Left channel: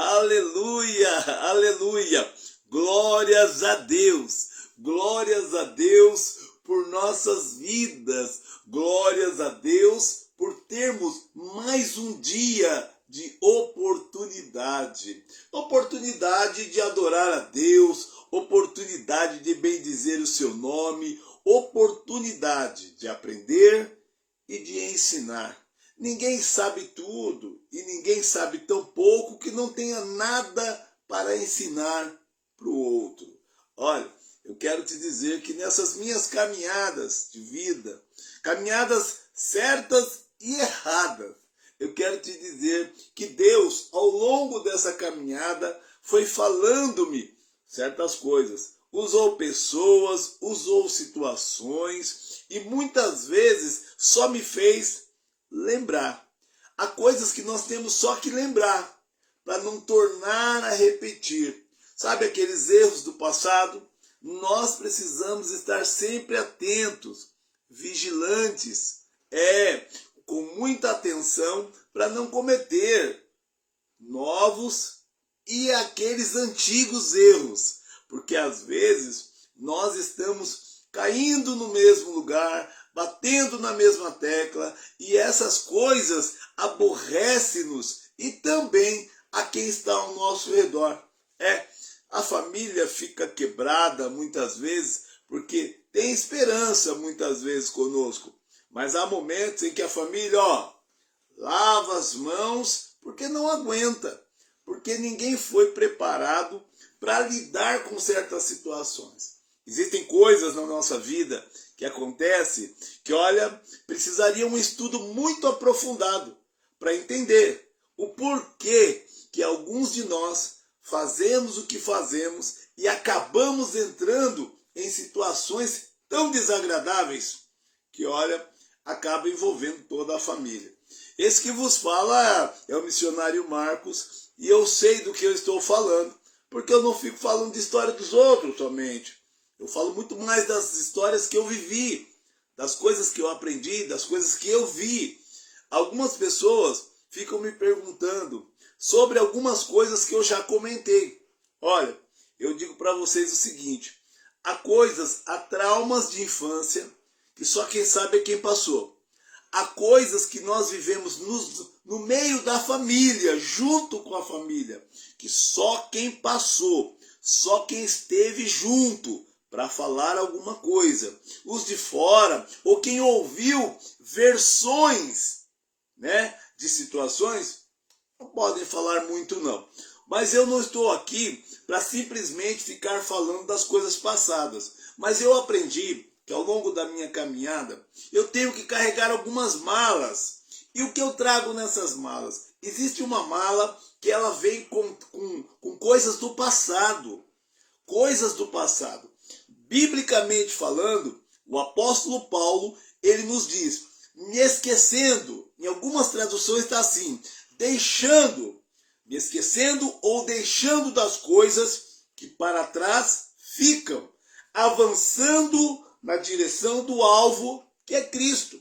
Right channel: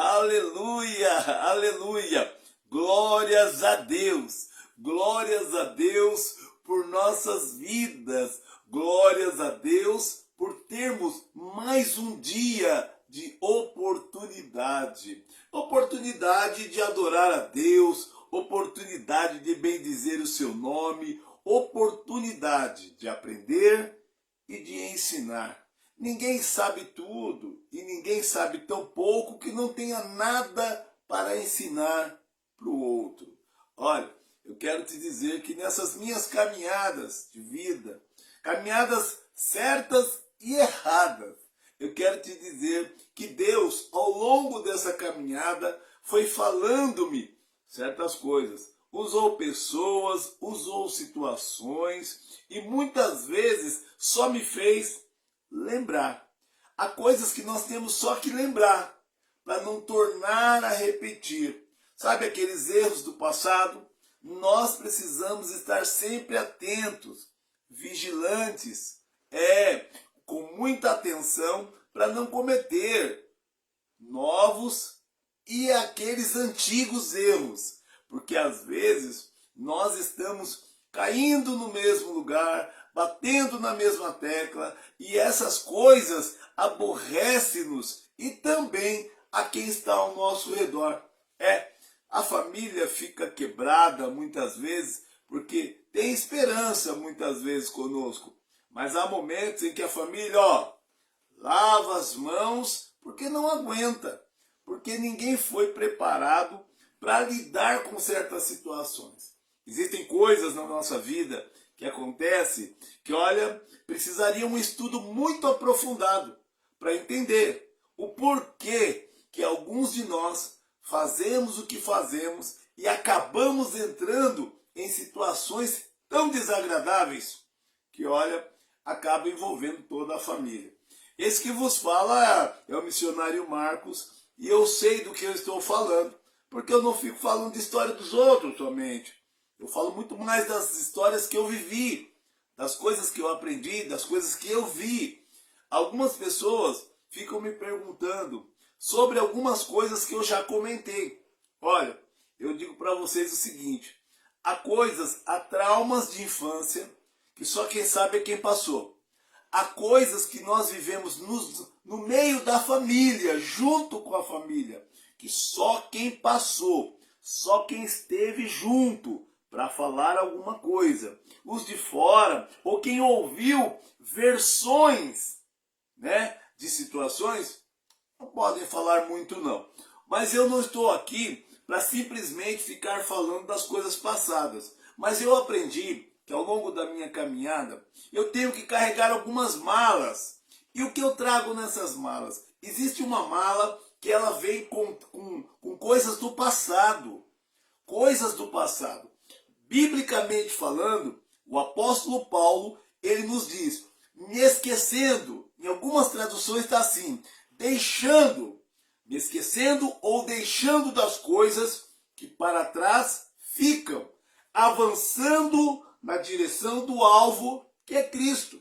Aleluia, aleluia. Glórias a Deus por nossas vidas. Glórias a Deus por termos mais um dia de oportunidade. Oportunidade de adorar a Deus, oportunidade de bendizer o seu nome, oportunidade de aprender e de ensinar. Ninguém sabe tudo e ninguém sabe tão pouco que não tenha nada para ensinar para o outro. Olha, eu quero te dizer que nessas minhas caminhadas de vida, caminhadas certas e erradas, eu quero te dizer que Deus, ao longo dessa caminhada, foi falando-me certas coisas. Usou pessoas, usou situações e muitas vezes só me fez lembrar. Há coisas que nós temos só que lembrar para não tornar a repetir. Sabe aqueles erros do passado? Nós precisamos estar sempre atentos, vigilantes, com muita atenção para não cometer novos e aqueles antigos erros, porque às vezes nós estamos caindo no mesmo lugar, batendo na mesma tecla, e essas coisas aborrecem-nos e também a quem está ao nosso redor. A família fica quebrada muitas vezes porque tem esperança muitas vezes conosco, mas há momentos em que a família, lava as mãos porque não aguenta, porque ninguém foi preparado para lidar com certas situações. Existem coisas na nossa vida que acontecem que, precisaria um estudo muito aprofundado para entender o porquê que alguns de nós fazemos o que fazemos e acabamos entrando em situações tão desagradáveis que, acaba envolvendo toda a família. Esse que vos fala é o missionário Marcos, e eu sei do que eu estou falando, porque eu não fico falando de história dos outros somente. Eu falo muito mais das histórias que eu vivi, das coisas que eu aprendi, das coisas que eu vi. Algumas pessoas ficam me perguntando sobre algumas coisas que eu já comentei. Olha, eu digo para vocês o seguinte: há traumas de infância que só quem sabe é quem passou. Há coisas que nós vivemos no meio da família, junto com a família, que só quem passou, só quem esteve junto para falar alguma coisa. Os de fora, ou quem ouviu versões, de situações, não podem falar muito não. Mas eu não estou aqui para simplesmente ficar falando das coisas passadas. Mas eu aprendi que ao longo da minha caminhada, eu tenho que carregar algumas malas. E o que eu trago nessas malas? Existe uma mala que ela vem com coisas do passado. Coisas do passado. Biblicamente falando, o apóstolo Paulo, ele nos diz, me esquecendo, em algumas traduções está assim, me esquecendo ou deixando das coisas que para trás ficam, avançando na direção do alvo, que é Cristo.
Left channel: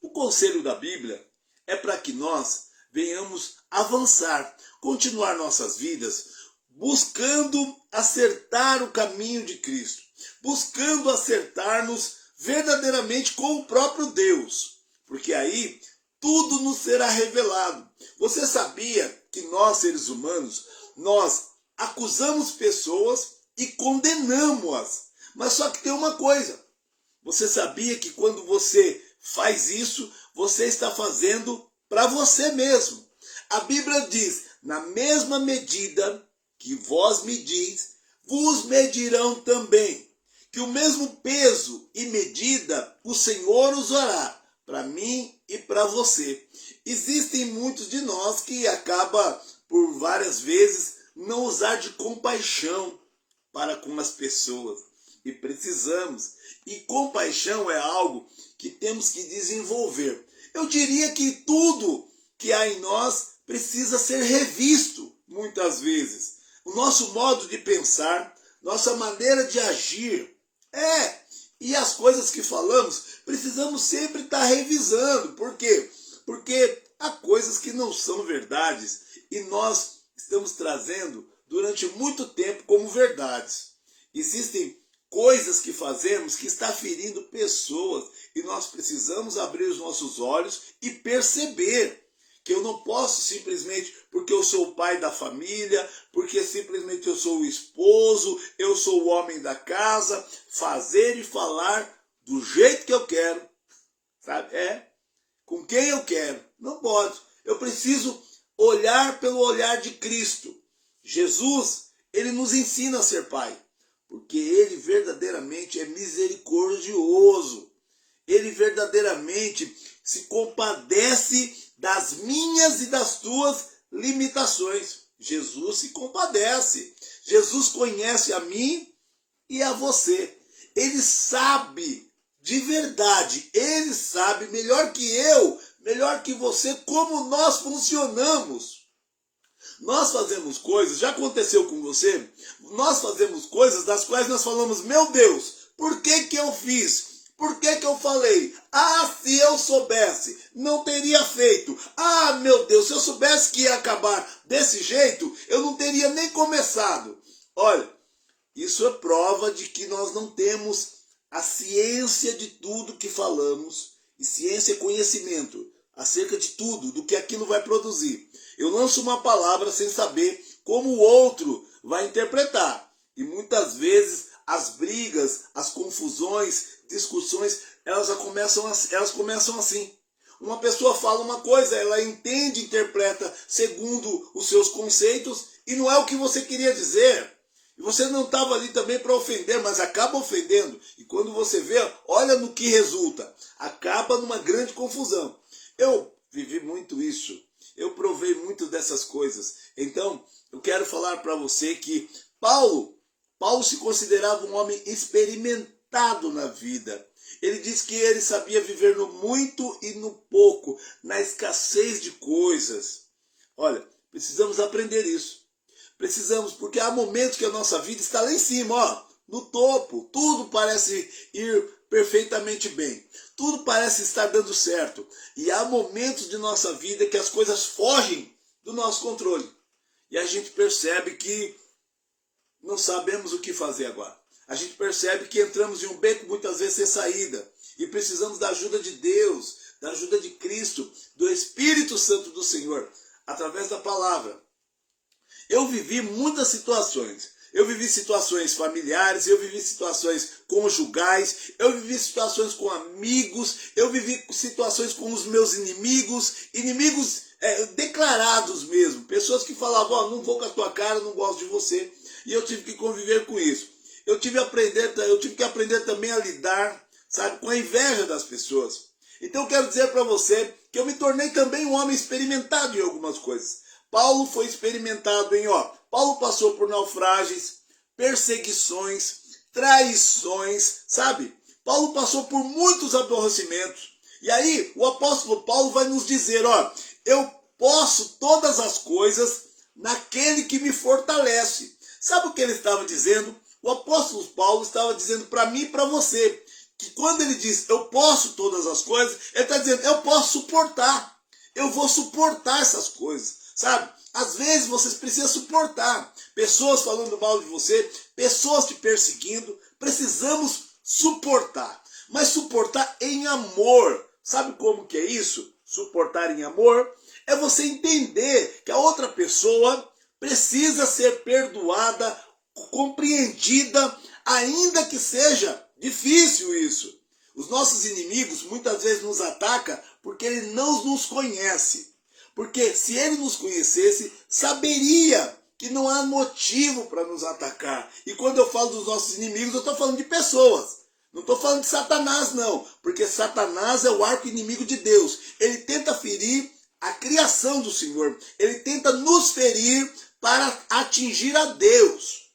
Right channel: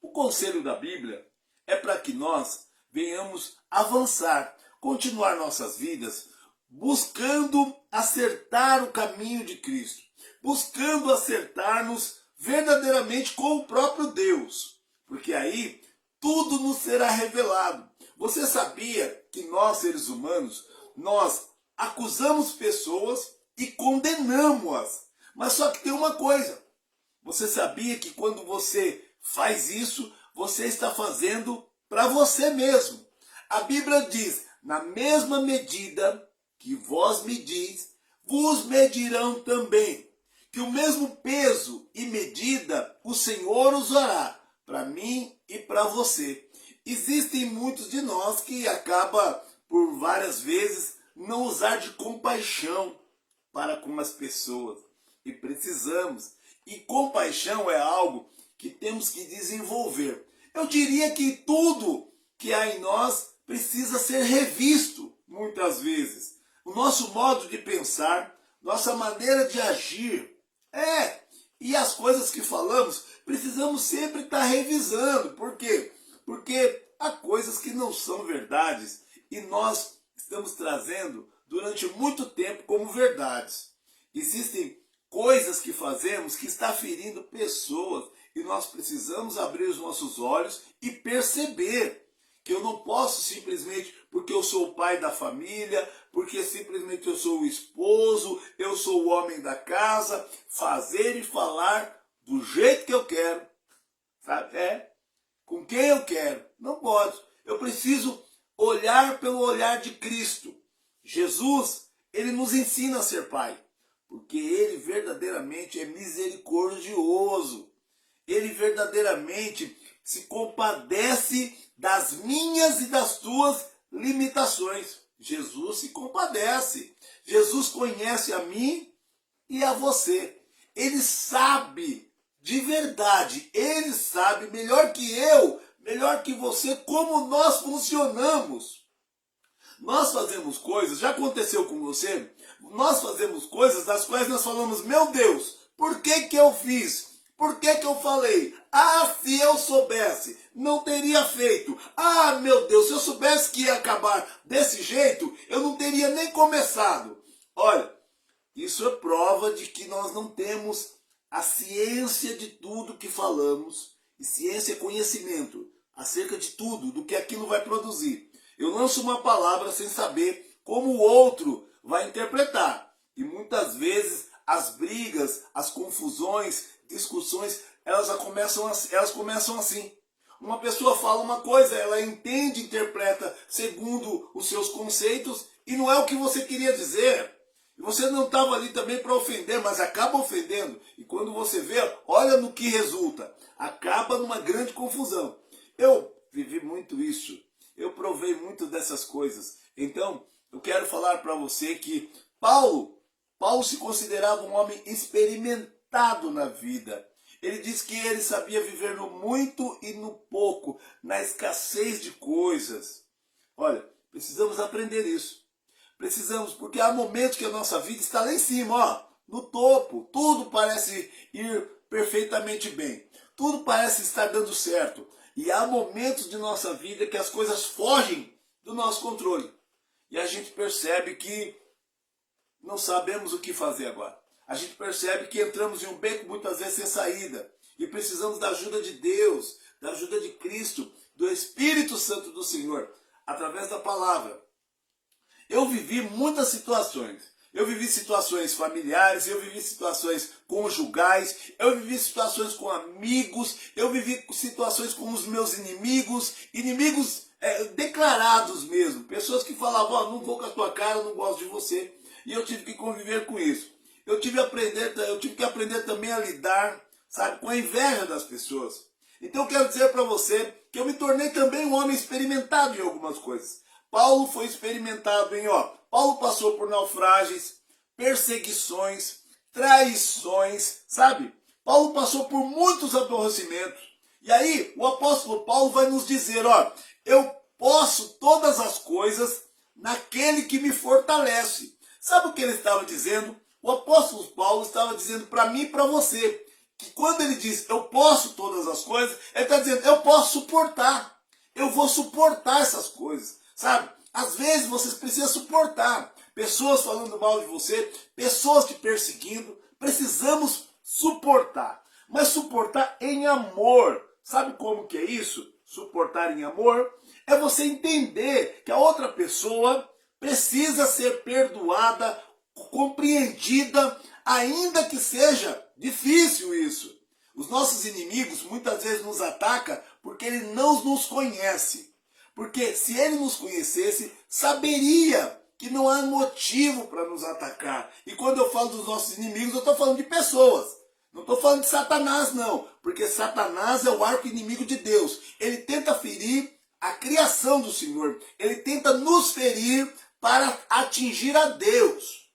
O conselho da Bíblia é para que nós venhamos avançar, continuar nossas vidas, buscando acertar o caminho de Cristo, buscando acertar-nos verdadeiramente com o próprio Deus, porque aí tudo nos será revelado. Você sabia que nós, seres humanos, nós acusamos pessoas e condenamos-as? Mas só que tem uma coisa. Você sabia que quando você faz isso, você está fazendo para você mesmo. A Bíblia diz, na mesma medida que vós medis, vos medirão também. Que o mesmo peso e medida o Senhor usará para mim e para você. Existem muitos de nós que acabam, por várias vezes, não usar de compaixão para com as pessoas. E precisamos. E compaixão é algo que temos que desenvolver. Eu diria que tudo que há em nós precisa ser revisto, muitas vezes. O nosso modo de pensar, nossa maneira de agir. E as coisas que falamos, precisamos sempre estar revisando. Por quê? Porque há coisas que não são verdades e nós estamos trazendo durante muito tempo como verdades. Existem coisas que fazemos que está ferindo pessoas e nós precisamos abrir os nossos olhos e perceber que eu não posso simplesmente porque eu sou o pai da família, porque simplesmente eu sou o esposo, eu sou o homem da casa, fazer e falar do jeito que eu quero, sabe? Com quem eu quero. Não pode. Eu preciso olhar pelo olhar de Cristo. Jesus, ele nos ensina a ser pai, porque ele verdadeiramente é misericordioso. Ele verdadeiramente se compadece das minhas e das tuas limitações. Jesus se compadece. Jesus conhece a mim e a você. Ele sabe de verdade, ele sabe melhor que eu, melhor que você, como nós funcionamos. Nós fazemos coisas, já aconteceu com você? Nós fazemos coisas das quais nós falamos, meu Deus, por que que eu fiz? Por que que eu falei? Ah, se eu soubesse, não teria feito. Ah, meu Deus, se eu soubesse que ia acabar desse jeito, eu não teria nem começado. Olha, isso é prova de que nós não temos a ciência de tudo que falamos. E ciência é conhecimento acerca de tudo, do que aquilo vai produzir. Eu lanço uma palavra sem saber como o outro vai interpretar. E muitas vezes as brigas, as confusões, discussões, elas começam assim. Uma pessoa fala uma coisa, ela entende, interpreta segundo os seus conceitos e não é o que você queria dizer. E você não estava ali também para ofender, mas acaba ofendendo. E quando você vê, olha no que resulta. Acaba numa grande confusão. Eu vivi muito isso. Eu provei muito dessas coisas. Então, eu quero falar para você que Paulo se considerava um homem experimentado na vida. Ele diz que ele sabia viver no muito e no pouco, na escassez de coisas. Olha, precisamos aprender isso. Precisamos, porque há momentos que a nossa vida está lá em cima, ó, no topo. Tudo parece ir perfeitamente bem. Tudo parece estar dando certo. E há momentos de nossa vida que as coisas fogem do nosso controle. E a gente percebe que não sabemos o que fazer agora. A gente percebe que entramos em um beco muitas vezes sem saída. E precisamos da ajuda de Deus, da ajuda de Cristo, do Espírito Santo do Senhor, através da palavra. Eu vivi muitas situações. Eu vivi situações familiares, eu vivi situações conjugais, eu vivi situações com amigos, eu vivi situações com os meus inimigos declarados mesmo. Pessoas que falavam, ó, não vou com a tua cara, não gosto de você. E eu tive que conviver com isso. Eu tive que aprender também a lidar, sabe, com a inveja das pessoas. Então eu quero dizer para você que eu me tornei também um homem experimentado em algumas coisas. Paulo foi experimentado Paulo passou por naufrágios, perseguições, traições, sabe? Paulo passou por muitos aborrecimentos. E aí o apóstolo Paulo vai nos dizer, ó, eu posso todas as coisas naquele que me fortalece. Sabe o que ele estava dizendo? O apóstolo Paulo estava dizendo para mim e para você, que quando ele diz, eu posso todas as coisas, ele está dizendo, eu posso suportar. Eu vou suportar essas coisas. Sabe? Às vezes vocês precisam suportar pessoas falando mal de você, pessoas te perseguindo. Precisamos suportar, mas suportar em amor. Sabe como que é isso? Suportar em amor é você entender que a outra pessoa precisa ser perdoada, compreendida, ainda que seja difícil isso. Os nossos inimigos muitas vezes nos atacam porque ele não nos conhece. Porque se ele nos conhecesse, saberia que não há motivo para nos atacar. E quando eu falo dos nossos inimigos, eu estou falando de pessoas. Não estou falando de Satanás, não. Porque Satanás é o arco inimigo de Deus. Ele tenta ferir a criação do Senhor. Ele tenta nos ferir para atingir a Deus.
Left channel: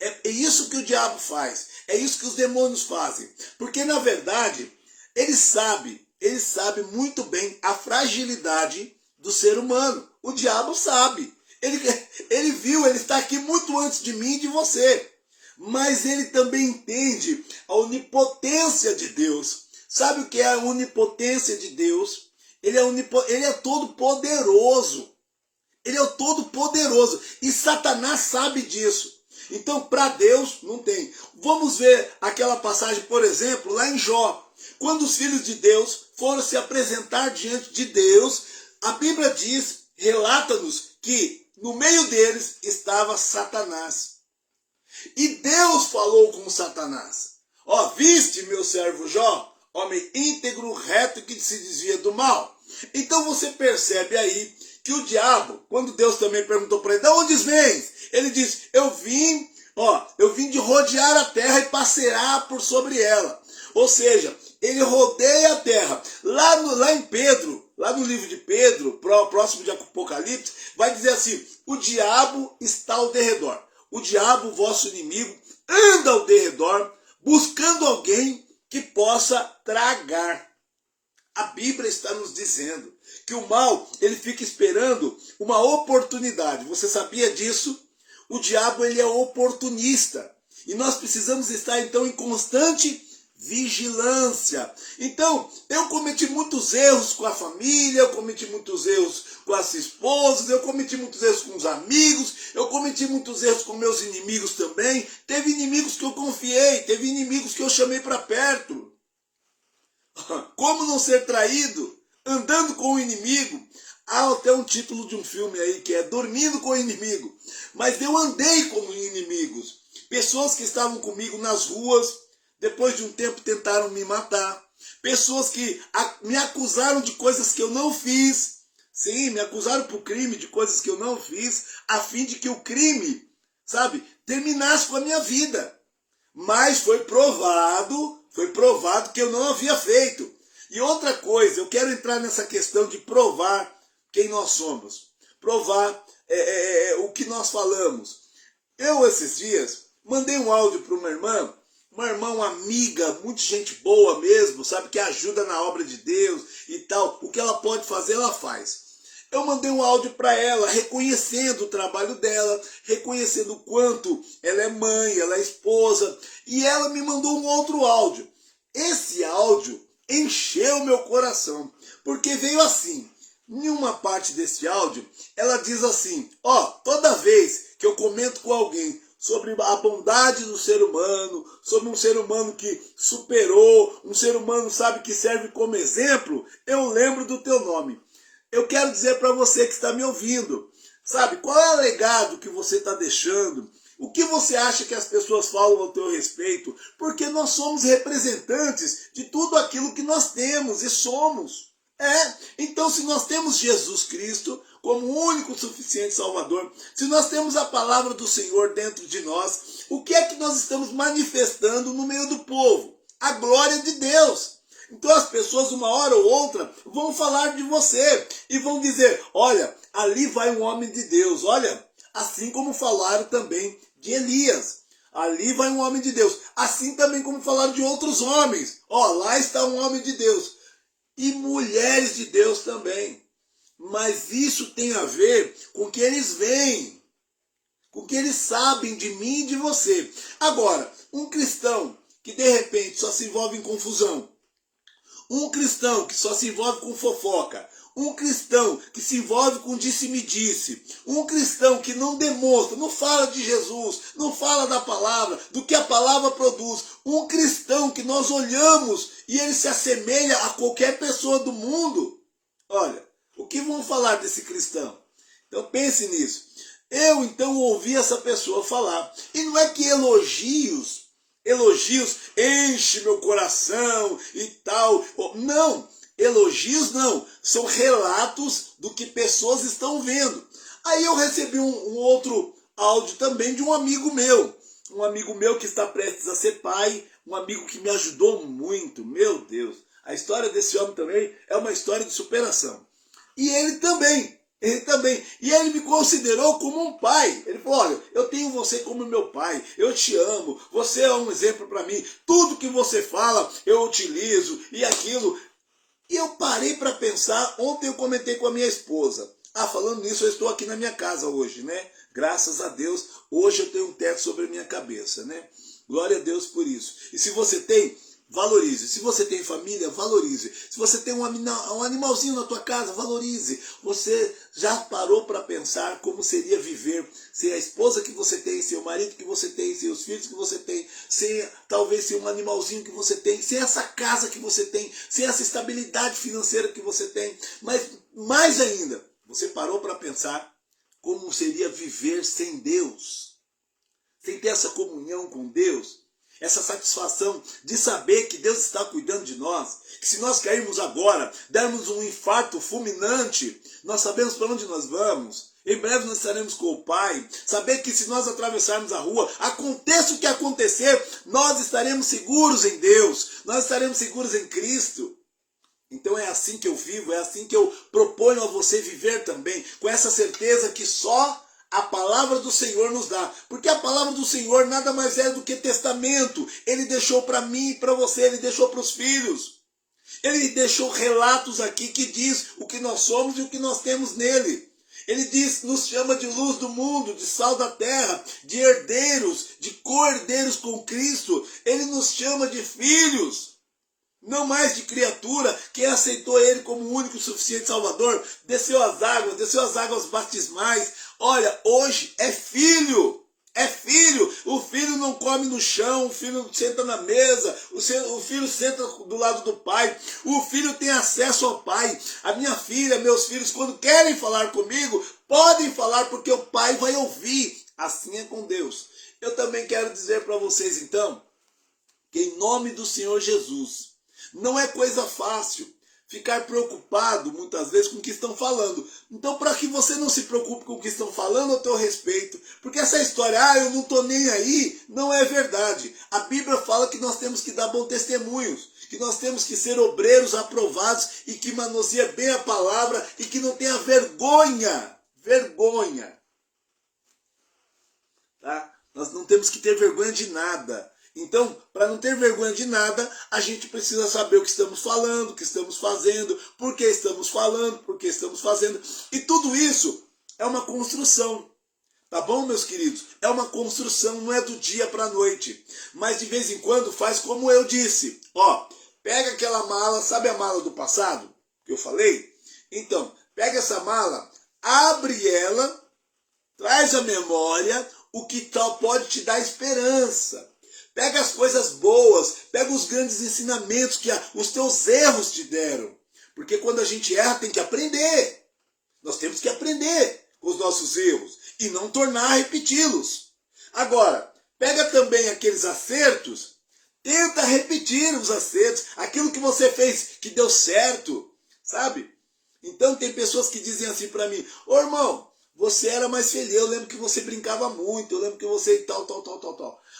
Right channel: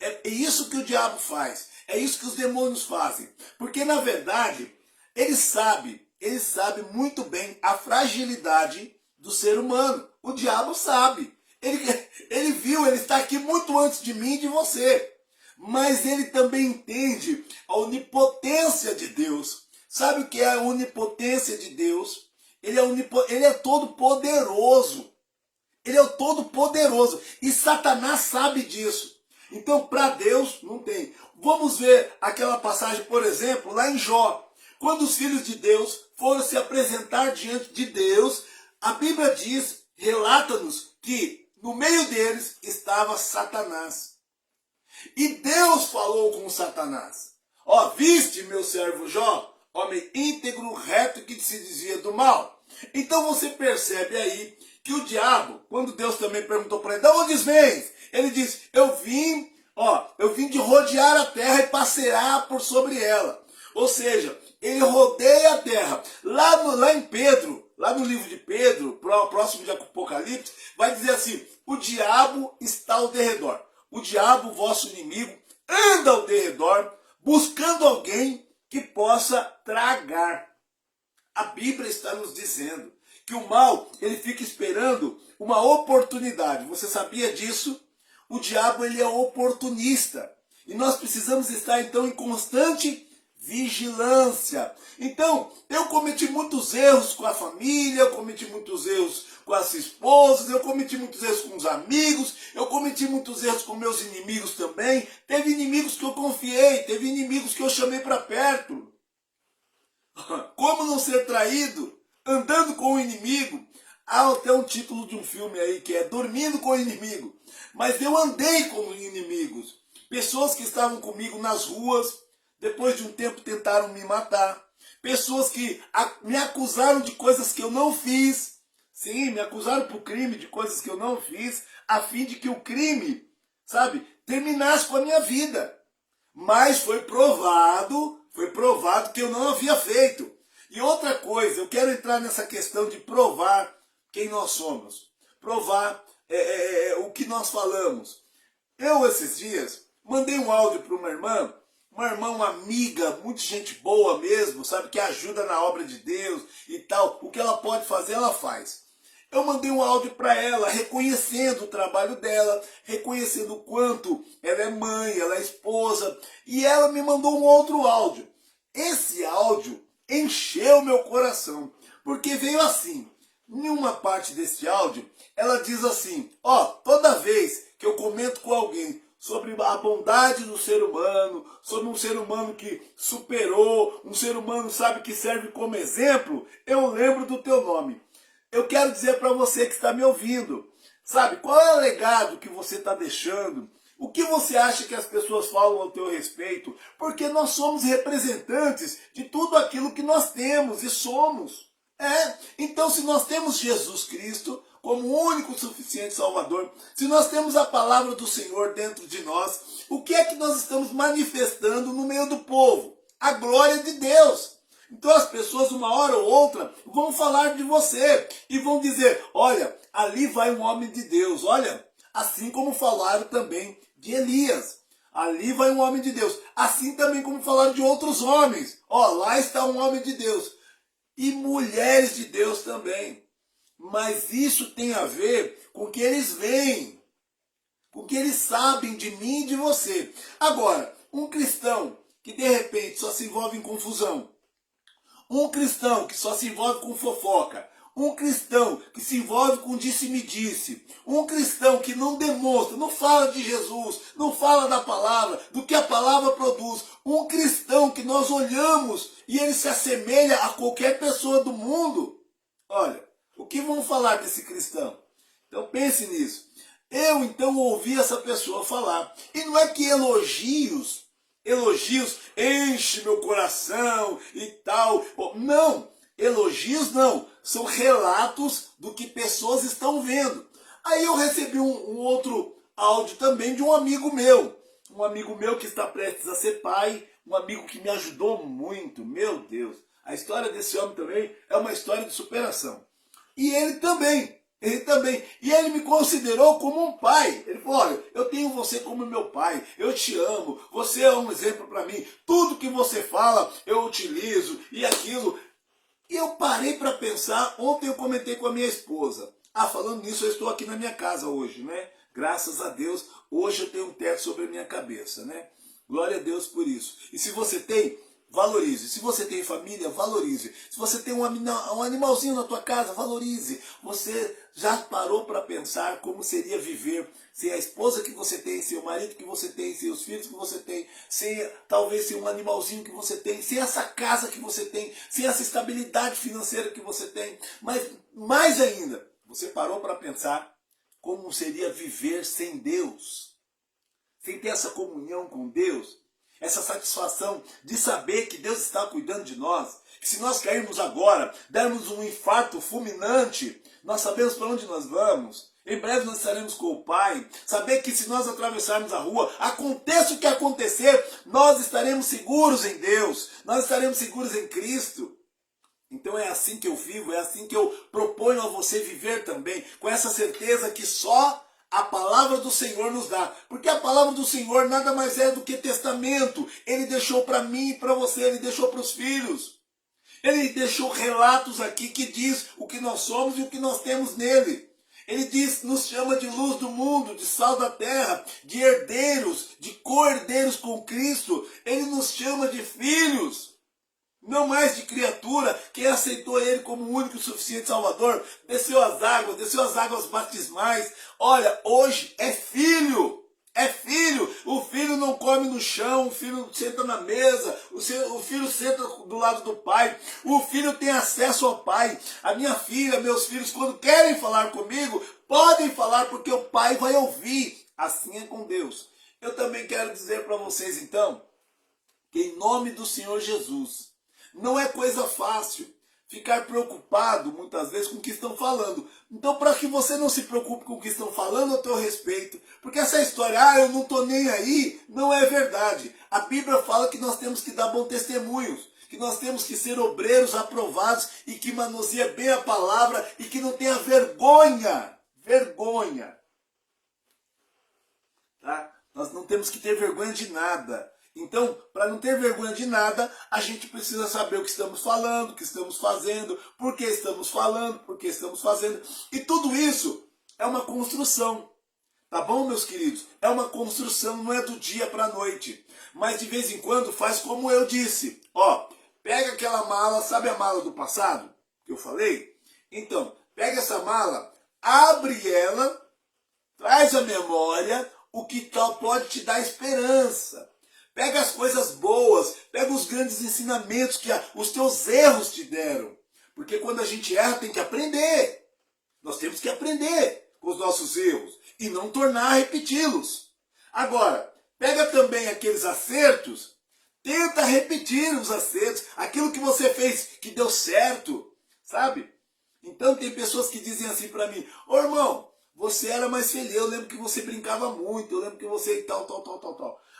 É isso que o diabo faz. É isso que os demônios fazem. Porque, na verdade, ele sabe muito bem a fragilidade do ser humano. O diabo sabe. Ele viu, ele está aqui muito antes de mim e de você. Mas ele também entende a onipotência de Deus. Sabe o que é a onipotência de Deus? Ele é todo poderoso. Ele é o Todo-Poderoso. E Satanás sabe disso. Então, para Deus, não tem. Vamos ver aquela passagem, por exemplo, lá em Jó. Quando os filhos de Deus foram se apresentar diante de Deus, a Bíblia diz, relata-nos, que no meio deles estava Satanás. E Deus falou com Satanás. Ó, viste meu servo Jó, homem íntegro, reto, que se desvia do mal. Então você percebe aí que o diabo, quando Deus também perguntou para ele, de onde vens? Ele disse, eu vim de rodear a terra e passear por sobre ela. Ou seja, ele rodeia a terra. Lá em Pedro, lá no livro de Pedro, próximo de Apocalipse, vai dizer assim, o diabo está ao derredor. O diabo, vosso inimigo, anda ao derredor, buscando alguém que possa tragar. A Bíblia está nos dizendo que o mal, ele fica esperando uma oportunidade. Você sabia disso? O diabo, ele é oportunista. E nós precisamos estar, então, em constante vigilância. Então, eu cometi muitos erros com a família, eu cometi muitos erros com as esposas, eu cometi muitos erros com os amigos, eu cometi muitos erros com meus inimigos também. Teve inimigos que eu confiei, teve inimigos que eu chamei para perto. Como não ser traído? Andando com o inimigo. Há até um título de um filme aí que é Dormindo com o Inimigo. Mas eu andei com inimigos. Pessoas que estavam comigo nas ruas, depois de um tempo tentaram me matar. Pessoas que me acusaram de coisas que eu não fiz. Sim, me acusaram por crime de coisas que eu não fiz, a fim de que o crime, terminasse com a minha vida. Mas foi provado que eu não havia feito. E outra coisa, eu quero entrar nessa questão de provar quem nós somos. Provar o que nós falamos. Eu, esses dias, mandei um áudio para uma irmã, uma amiga, muito gente boa mesmo, que ajuda na obra de Deus e tal. O que ela pode fazer, ela faz. Eu mandei um áudio para ela, reconhecendo o trabalho dela, reconhecendo o quanto ela é mãe, ela é esposa, e ela me mandou um outro áudio. Esse áudio encheu meu coração, porque veio assim. Em uma parte desse áudio, ela diz assim, toda vez que eu comento com alguém sobre a bondade do ser humano, sobre um ser humano que superou, um ser humano, que serve como exemplo, eu lembro do teu nome. Eu quero dizer para você que está me ouvindo, qual é o legado que você está deixando? O que você acha que as pessoas falam ao teu respeito? Porque nós somos representantes de tudo aquilo que nós temos e somos. Então, se nós temos Jesus Cristo como o único e suficiente Salvador, se nós temos a palavra do Senhor dentro de nós, o que é que nós estamos manifestando no meio do povo? A glória de Deus. Então as pessoas, uma hora ou outra, vão falar de você e vão dizer, olha, ali vai um homem de Deus, olha, assim como falaram também de Elias. Ali vai um homem de Deus. Assim também como falaram de outros homens. Lá está um homem de Deus. E mulheres de Deus também. Mas isso tem a ver com o que eles veem, com o que eles sabem de mim e de você. Agora, um cristão que de repente só se envolve em confusão, um cristão que só se envolve com fofoca, um cristão que se envolve com disse-me-disse, um cristão que não demonstra, não fala de Jesus, não fala da palavra, do que a palavra produz, um cristão que nós olhamos e ele se assemelha a qualquer pessoa do mundo. Olha, o que vão falar desse cristão? Então pense nisso. Eu então ouvi essa pessoa falar, e não é que elogios enchem meu coração e tal. Não, elogios não, são relatos do que pessoas estão vendo. Aí eu recebi um outro áudio também de um amigo meu que está prestes a ser pai, um amigo que me ajudou muito, meu Deus. A história desse homem também é uma história de superação. E ele também. E ele me considerou como um pai. Ele falou, olha, eu tenho você como meu pai, eu te amo, você é um exemplo para mim, tudo que você fala eu utilizo e aquilo. E eu parei para pensar, ontem eu comentei com a minha esposa. Falando nisso, eu estou aqui na minha casa hoje, né? Graças a Deus, hoje eu tenho um teto sobre a minha cabeça, né? Glória a Deus por isso. E se você tem, valorize. Se você tem família, valorize. Se você tem um animalzinho na tua casa, valorize. Você já parou para pensar como seria viver sem a esposa que você tem, sem o marido que você tem, sem os filhos que você tem, talvez sem um animalzinho que você tem, sem essa casa que você tem, sem essa estabilidade financeira que você tem. Mas mais ainda, você parou para pensar como seria viver sem Deus? Sem ter essa comunhão com Deus? Essa satisfação de saber que Deus está cuidando de nós, que se nós cairmos agora, dermos um infarto fulminante, nós sabemos para onde nós vamos. Em breve nós estaremos com o Pai. Saber que se nós atravessarmos a rua, aconteça o que acontecer, nós estaremos seguros em Deus, nós estaremos seguros em Cristo. Então é assim que eu vivo, é assim que eu proponho a você viver também, com essa certeza que só a palavra do Senhor nos dá. Porque a palavra do Senhor nada mais é do que testamento. Ele deixou para mim e para você, ele deixou para os filhos. Ele deixou relatos aqui que diz o que nós somos e o que nós temos nele. Ele diz, nos chama de luz do mundo, de sal da terra, de herdeiros, de co-herdeiros com Cristo. Ele nos chama de filhos. Não mais de criatura. Quem aceitou ele como o único e suficiente Salvador, desceu as águas batismais. Olha, hoje é filho. É filho. O filho não come no chão, o filho senta na mesa, o filho senta do lado do pai. O filho tem acesso ao pai. A minha filha, meus filhos, quando querem falar comigo, podem falar porque o pai vai ouvir. Assim é com Deus. Eu também quero dizer para vocês então, que em nome do Senhor Jesus, não é coisa fácil ficar preocupado muitas vezes com o que estão falando. Então, para que você não se preocupe com o que estão falando ao teu respeito, porque essa história, eu não estou nem aí, não é verdade. A Bíblia fala que nós temos que dar bons testemunhos, que nós temos que ser obreiros aprovados e que manuseia bem a palavra e que não tenha vergonha. Tá? Nós não temos que ter vergonha de nada. Então, para não ter vergonha de nada, a gente precisa saber o que estamos falando, o que estamos fazendo, por que estamos falando, por que estamos fazendo. E tudo isso é uma construção. Tá bom, meus queridos? É uma construção, não é do dia para a noite. Mas de vez em quando faz como eu disse. Pega aquela mala, sabe a mala do passado que eu falei? Então, pega essa mala, abre ela, traz à memória o que pode te dar esperança. Pega as coisas boas, pega os grandes ensinamentos que os teus erros te deram. Porque quando a gente erra, tem que aprender. Nós temos que aprender com os nossos erros e não tornar a repeti-los. Agora, pega também aqueles acertos, tenta repetir os acertos, aquilo que você fez que deu certo, sabe? Então tem pessoas que dizem assim para mim, irmão, você era mais feliz, eu lembro que você brincava muito, eu lembro que você e tal.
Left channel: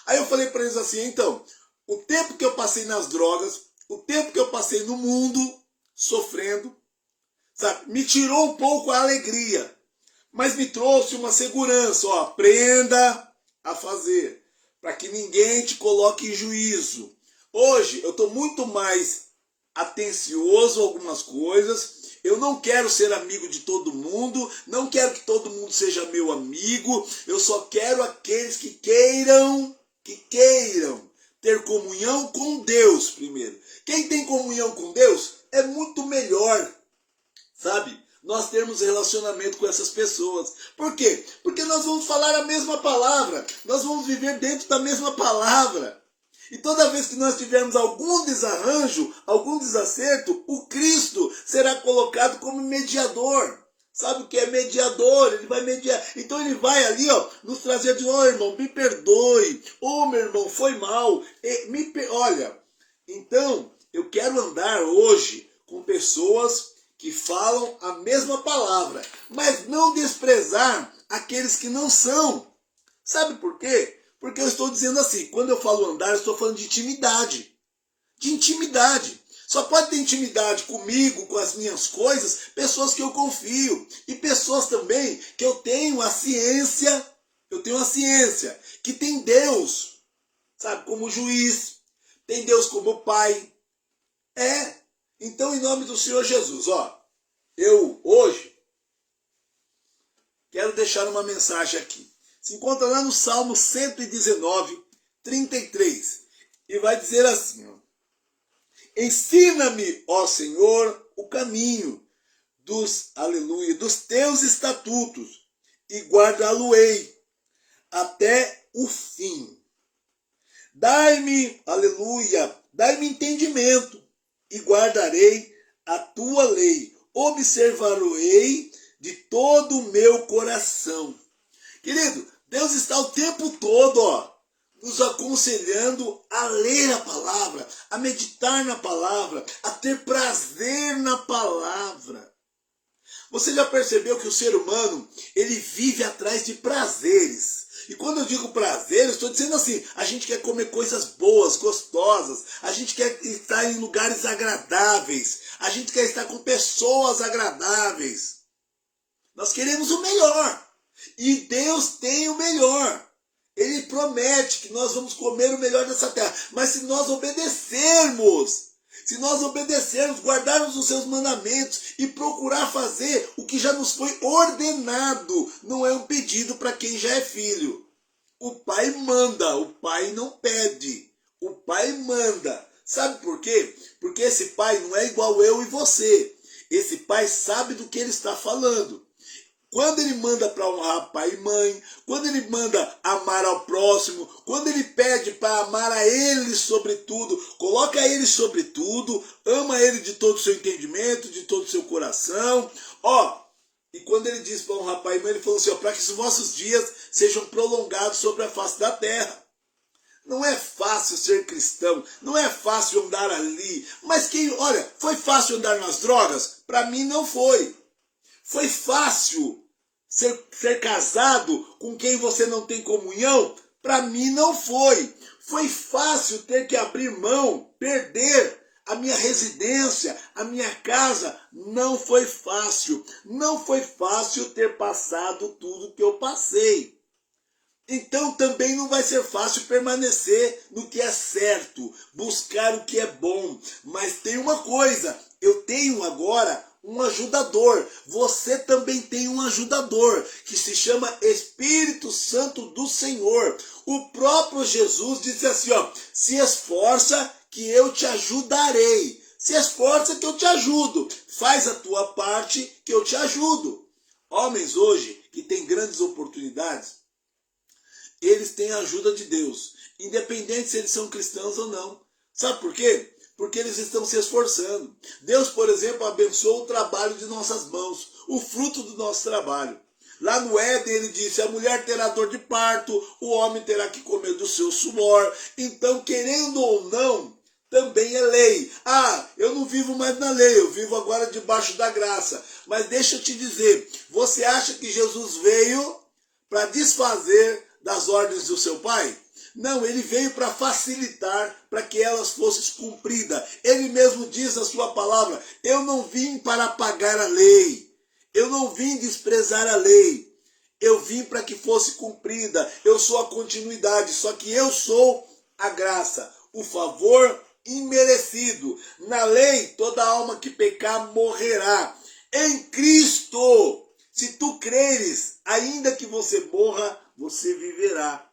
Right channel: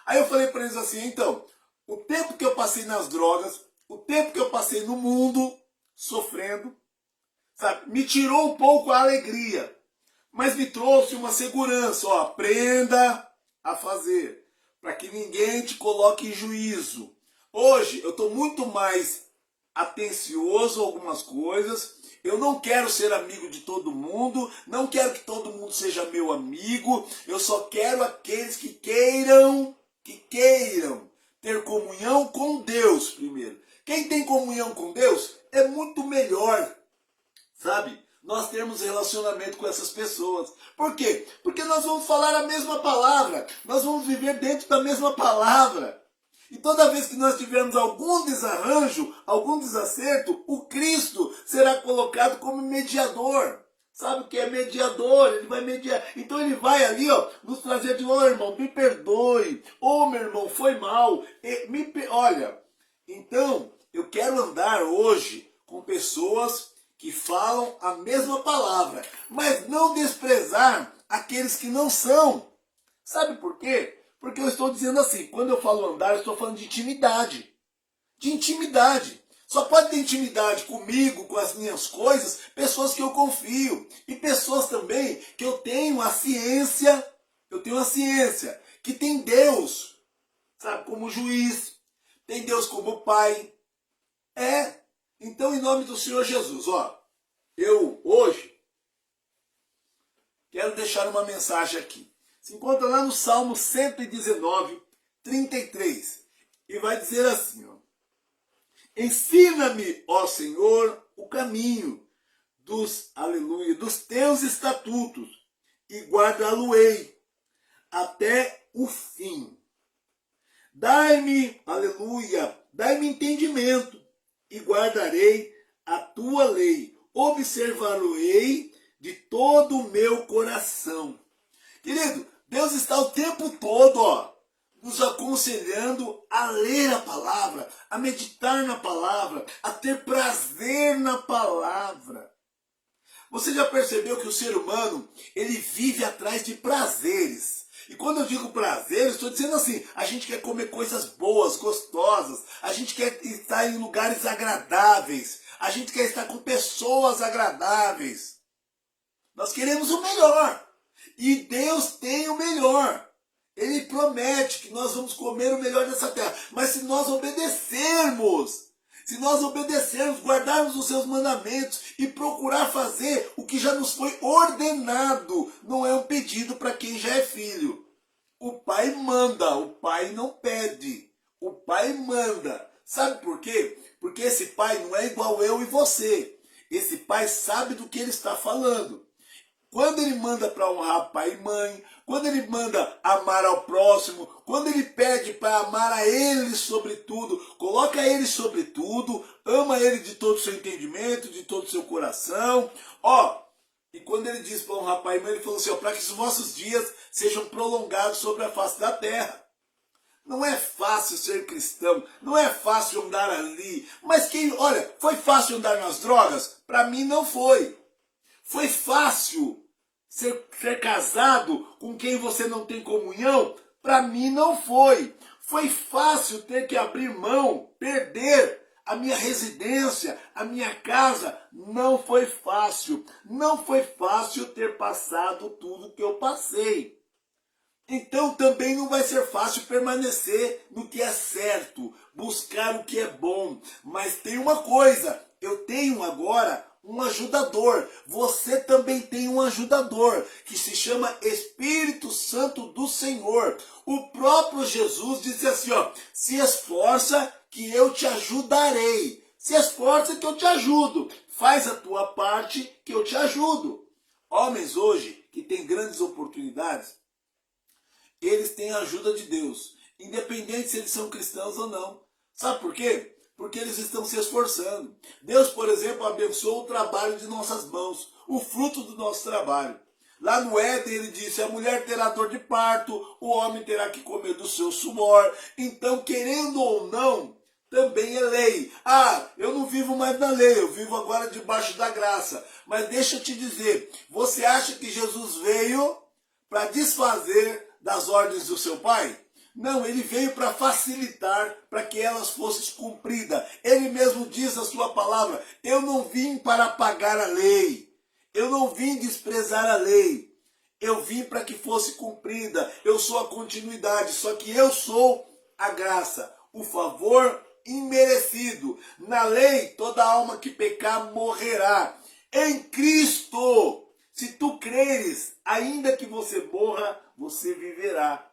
Aí eu falei para eles assim, então, o tempo que eu passei nas drogas, o tempo que eu passei no mundo, sofrendo, sabe, me tirou um pouco a alegria, mas me trouxe uma segurança, aprenda a fazer, para que ninguém te coloque em juízo. Hoje eu estou muito mais atencioso a algumas coisas. Eu não quero ser amigo de todo mundo, não quero que todo mundo seja meu amigo, eu só quero aqueles que queiram ter comunhão com Deus primeiro. Quem tem comunhão com Deus é muito melhor, sabe? Nós temos relacionamento com essas pessoas. Por quê? Porque nós vamos falar a mesma palavra, nós vamos viver dentro da mesma palavra. E toda vez que nós tivermos algum desarranjo, algum desacerto, o Cristo será colocado como mediador. Sabe o que é mediador? Ele vai mediar. Então ele vai ali, nos trazer de novo, irmão, me perdoe. Meu irmão, foi mal. Olha, então eu quero andar hoje com pessoas que falam a mesma palavra, mas não desprezar aqueles que não são. Sabe por quê? Porque eu estou dizendo assim, quando eu falo andar, eu estou falando de intimidade. De intimidade. Só pode ter intimidade comigo, com as minhas coisas, pessoas que eu confio. E pessoas também que eu tenho a ciência, que tem Deus, sabe, como juiz, tem Deus como pai. Então, em nome do Senhor Jesus, eu hoje quero deixar uma mensagem aqui. Se encontra lá no Salmo 119, 33. E vai dizer assim, Ensina-me, ó Senhor, o caminho aleluia, dos teus estatutos e guardá-lo-ei até o fim. Dai-me, aleluia, dai-me entendimento e guardarei a tua lei. Observar-ei de todo o meu coração. Querido, Deus está o tempo todo, nos aconselhando a ler a palavra, a meditar na palavra, a ter prazer na palavra. Você já percebeu que o ser humano, ele vive atrás de prazeres. E quando eu digo prazer, eu estou dizendo assim, a gente quer comer coisas boas, gostosas, a gente quer estar em lugares agradáveis, a gente quer estar com pessoas agradáveis. Nós queremos o melhor. E Deus tem o melhor. Ele promete que nós vamos comer o melhor dessa terra. Mas se nós obedecermos, guardarmos os seus mandamentos e procurar fazer o que já nos foi ordenado, não é um pedido para quem já é filho. O pai manda, o pai não pede. O pai manda. Sabe por quê? Porque esse pai não é igual eu e você. Esse pai sabe do que ele está falando. Quando ele manda para honrar pai e mãe, quando ele manda amar ao próximo, quando ele pede para amar a ele sobre tudo, coloca ele sobre tudo, ama ele de todo o seu entendimento, de todo o seu coração. E quando ele diz para honrar pai e mãe, ele falou assim, para que os vossos dias sejam prolongados sobre a face da terra. Não é fácil ser cristão, não é fácil andar ali. Mas foi fácil andar nas drogas? Para mim não foi. Foi fácil ser casado com quem você não tem comunhão? Para mim não foi. Foi fácil ter que abrir mão, perder a minha residência, a minha casa? Não foi fácil. Não foi fácil ter passado tudo que eu passei. Então também não vai ser fácil permanecer no que é certo, buscar o que é bom. Mas tem uma coisa, eu tenho agora um ajudador. Você também tem um ajudador que se chama Espírito Santo do Senhor. O próprio Jesus disse assim, se esforça que eu te ajudarei. Se esforça que eu te ajudo. Faz a tua parte que eu te ajudo. Homens hoje que têm grandes oportunidades, eles têm a ajuda de Deus, independente se eles são cristãos ou não. Sabe por quê? Porque eles estão se esforçando. Deus, por exemplo, abençoa o trabalho de nossas mãos, o fruto do nosso trabalho. Lá no Éden ele disse, a mulher terá dor de parto, o homem terá que comer do seu suor. Então, querendo ou não, também é lei. Eu não vivo mais na lei, eu vivo agora debaixo da graça. Mas deixa eu te dizer, você acha que Jesus veio para desfazer das ordens do seu pai? Não, ele veio para facilitar, para que elas fossem cumpridas. Ele mesmo diz a sua palavra, eu não vim para apagar a lei, eu não vim desprezar a lei, eu vim para que fosse cumprida, eu sou a continuidade, só que eu sou a graça, o favor imerecido. Na lei, toda alma que pecar morrerá. Em Cristo, se tu creres, ainda que você morra, você viverá.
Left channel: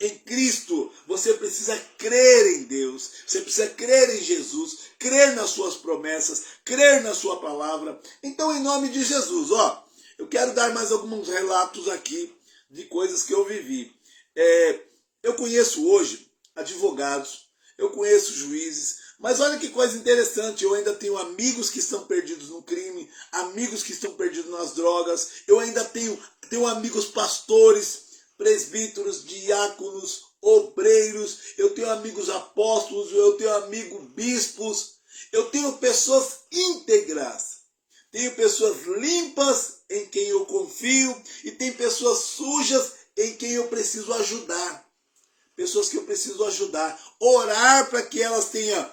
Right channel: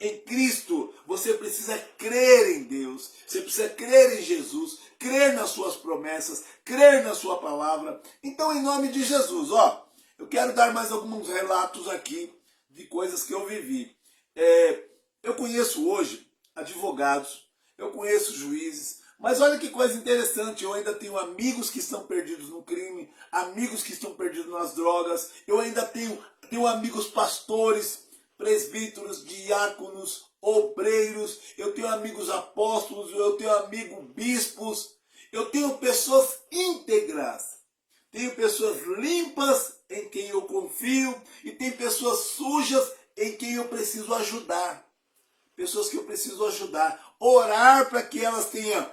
Em Cristo, você precisa crer em Deus, você precisa crer em Jesus, crer nas suas promessas, crer na sua palavra. Então, em nome de Jesus, eu quero dar mais alguns relatos aqui de coisas que eu vivi. Eu conheço hoje advogados, eu conheço juízes, mas olha que coisa interessante, eu ainda tenho amigos que estão perdidos no crime, amigos que estão perdidos nas drogas, eu ainda tenho amigos pastores, presbíteros, diáconos, obreiros, eu tenho amigos apóstolos, eu tenho amigos bispos, eu tenho pessoas íntegras, tenho pessoas limpas em quem eu confio e tem pessoas sujas em quem eu preciso ajudar. Pessoas que eu preciso ajudar, orar para que elas tenham,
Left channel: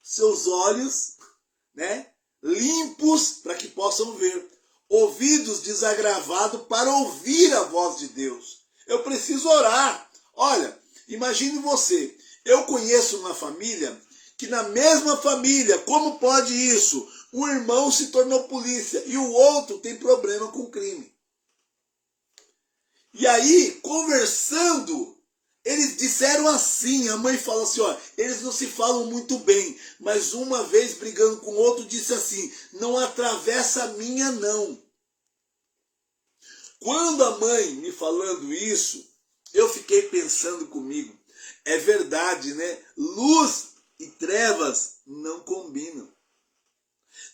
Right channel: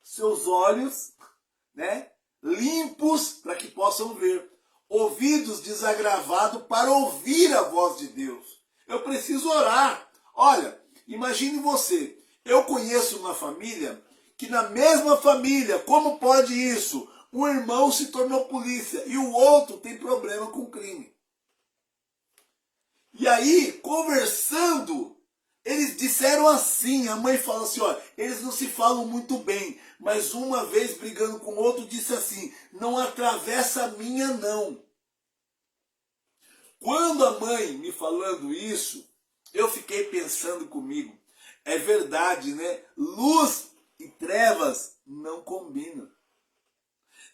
seus olhos, limpos para que possam ver, ouvidos desagravados para ouvir a voz de Deus. Eu preciso orar. Olha, imagine você, eu conheço uma família que na mesma família, como pode isso? Um irmão se tornou polícia e o outro tem problema com crime. E aí, conversando, Eles disseram assim, a mãe falou assim, ó, eles não se falam muito bem, mas uma vez brigando com o outro disse assim, não atravessa a minha não. Quando a mãe me falando isso, eu fiquei pensando comigo, é verdade, né? Luz e trevas não combinam.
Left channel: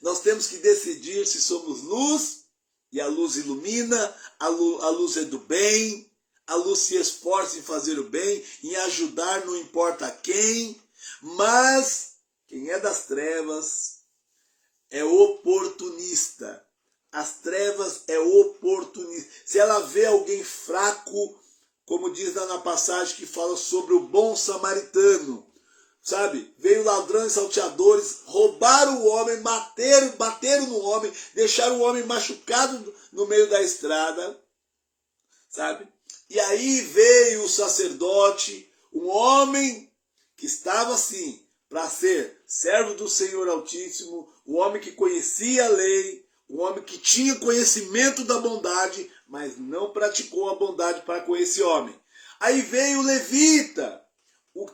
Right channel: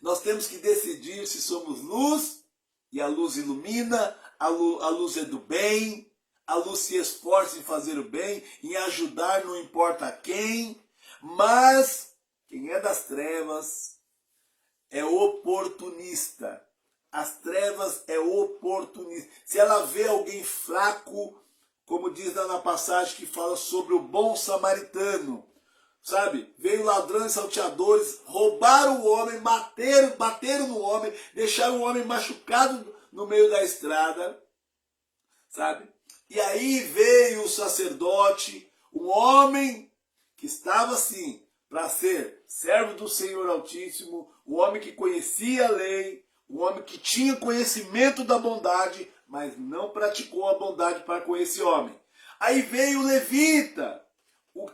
Nós temos que decidir se somos luz, e a luz ilumina, a luz é do bem, a luz se esforça em fazer o bem, em ajudar não importa quem, mas quem é das trevas é oportunista. As trevas é oportunista. Se ela vê alguém fraco, como diz lá na passagem que fala sobre o bom samaritano, sabe? Veio ladrões, salteadores, roubaram o homem, bateram no homem, deixaram o homem machucado no meio da estrada, sabe? E aí veio o sacerdote, um homem que estava assim, para ser servo do Senhor Altíssimo, um homem que conhecia a lei, um homem que tinha conhecimento da bondade, mas não praticou a bondade para com esse homem. Aí veio o levita,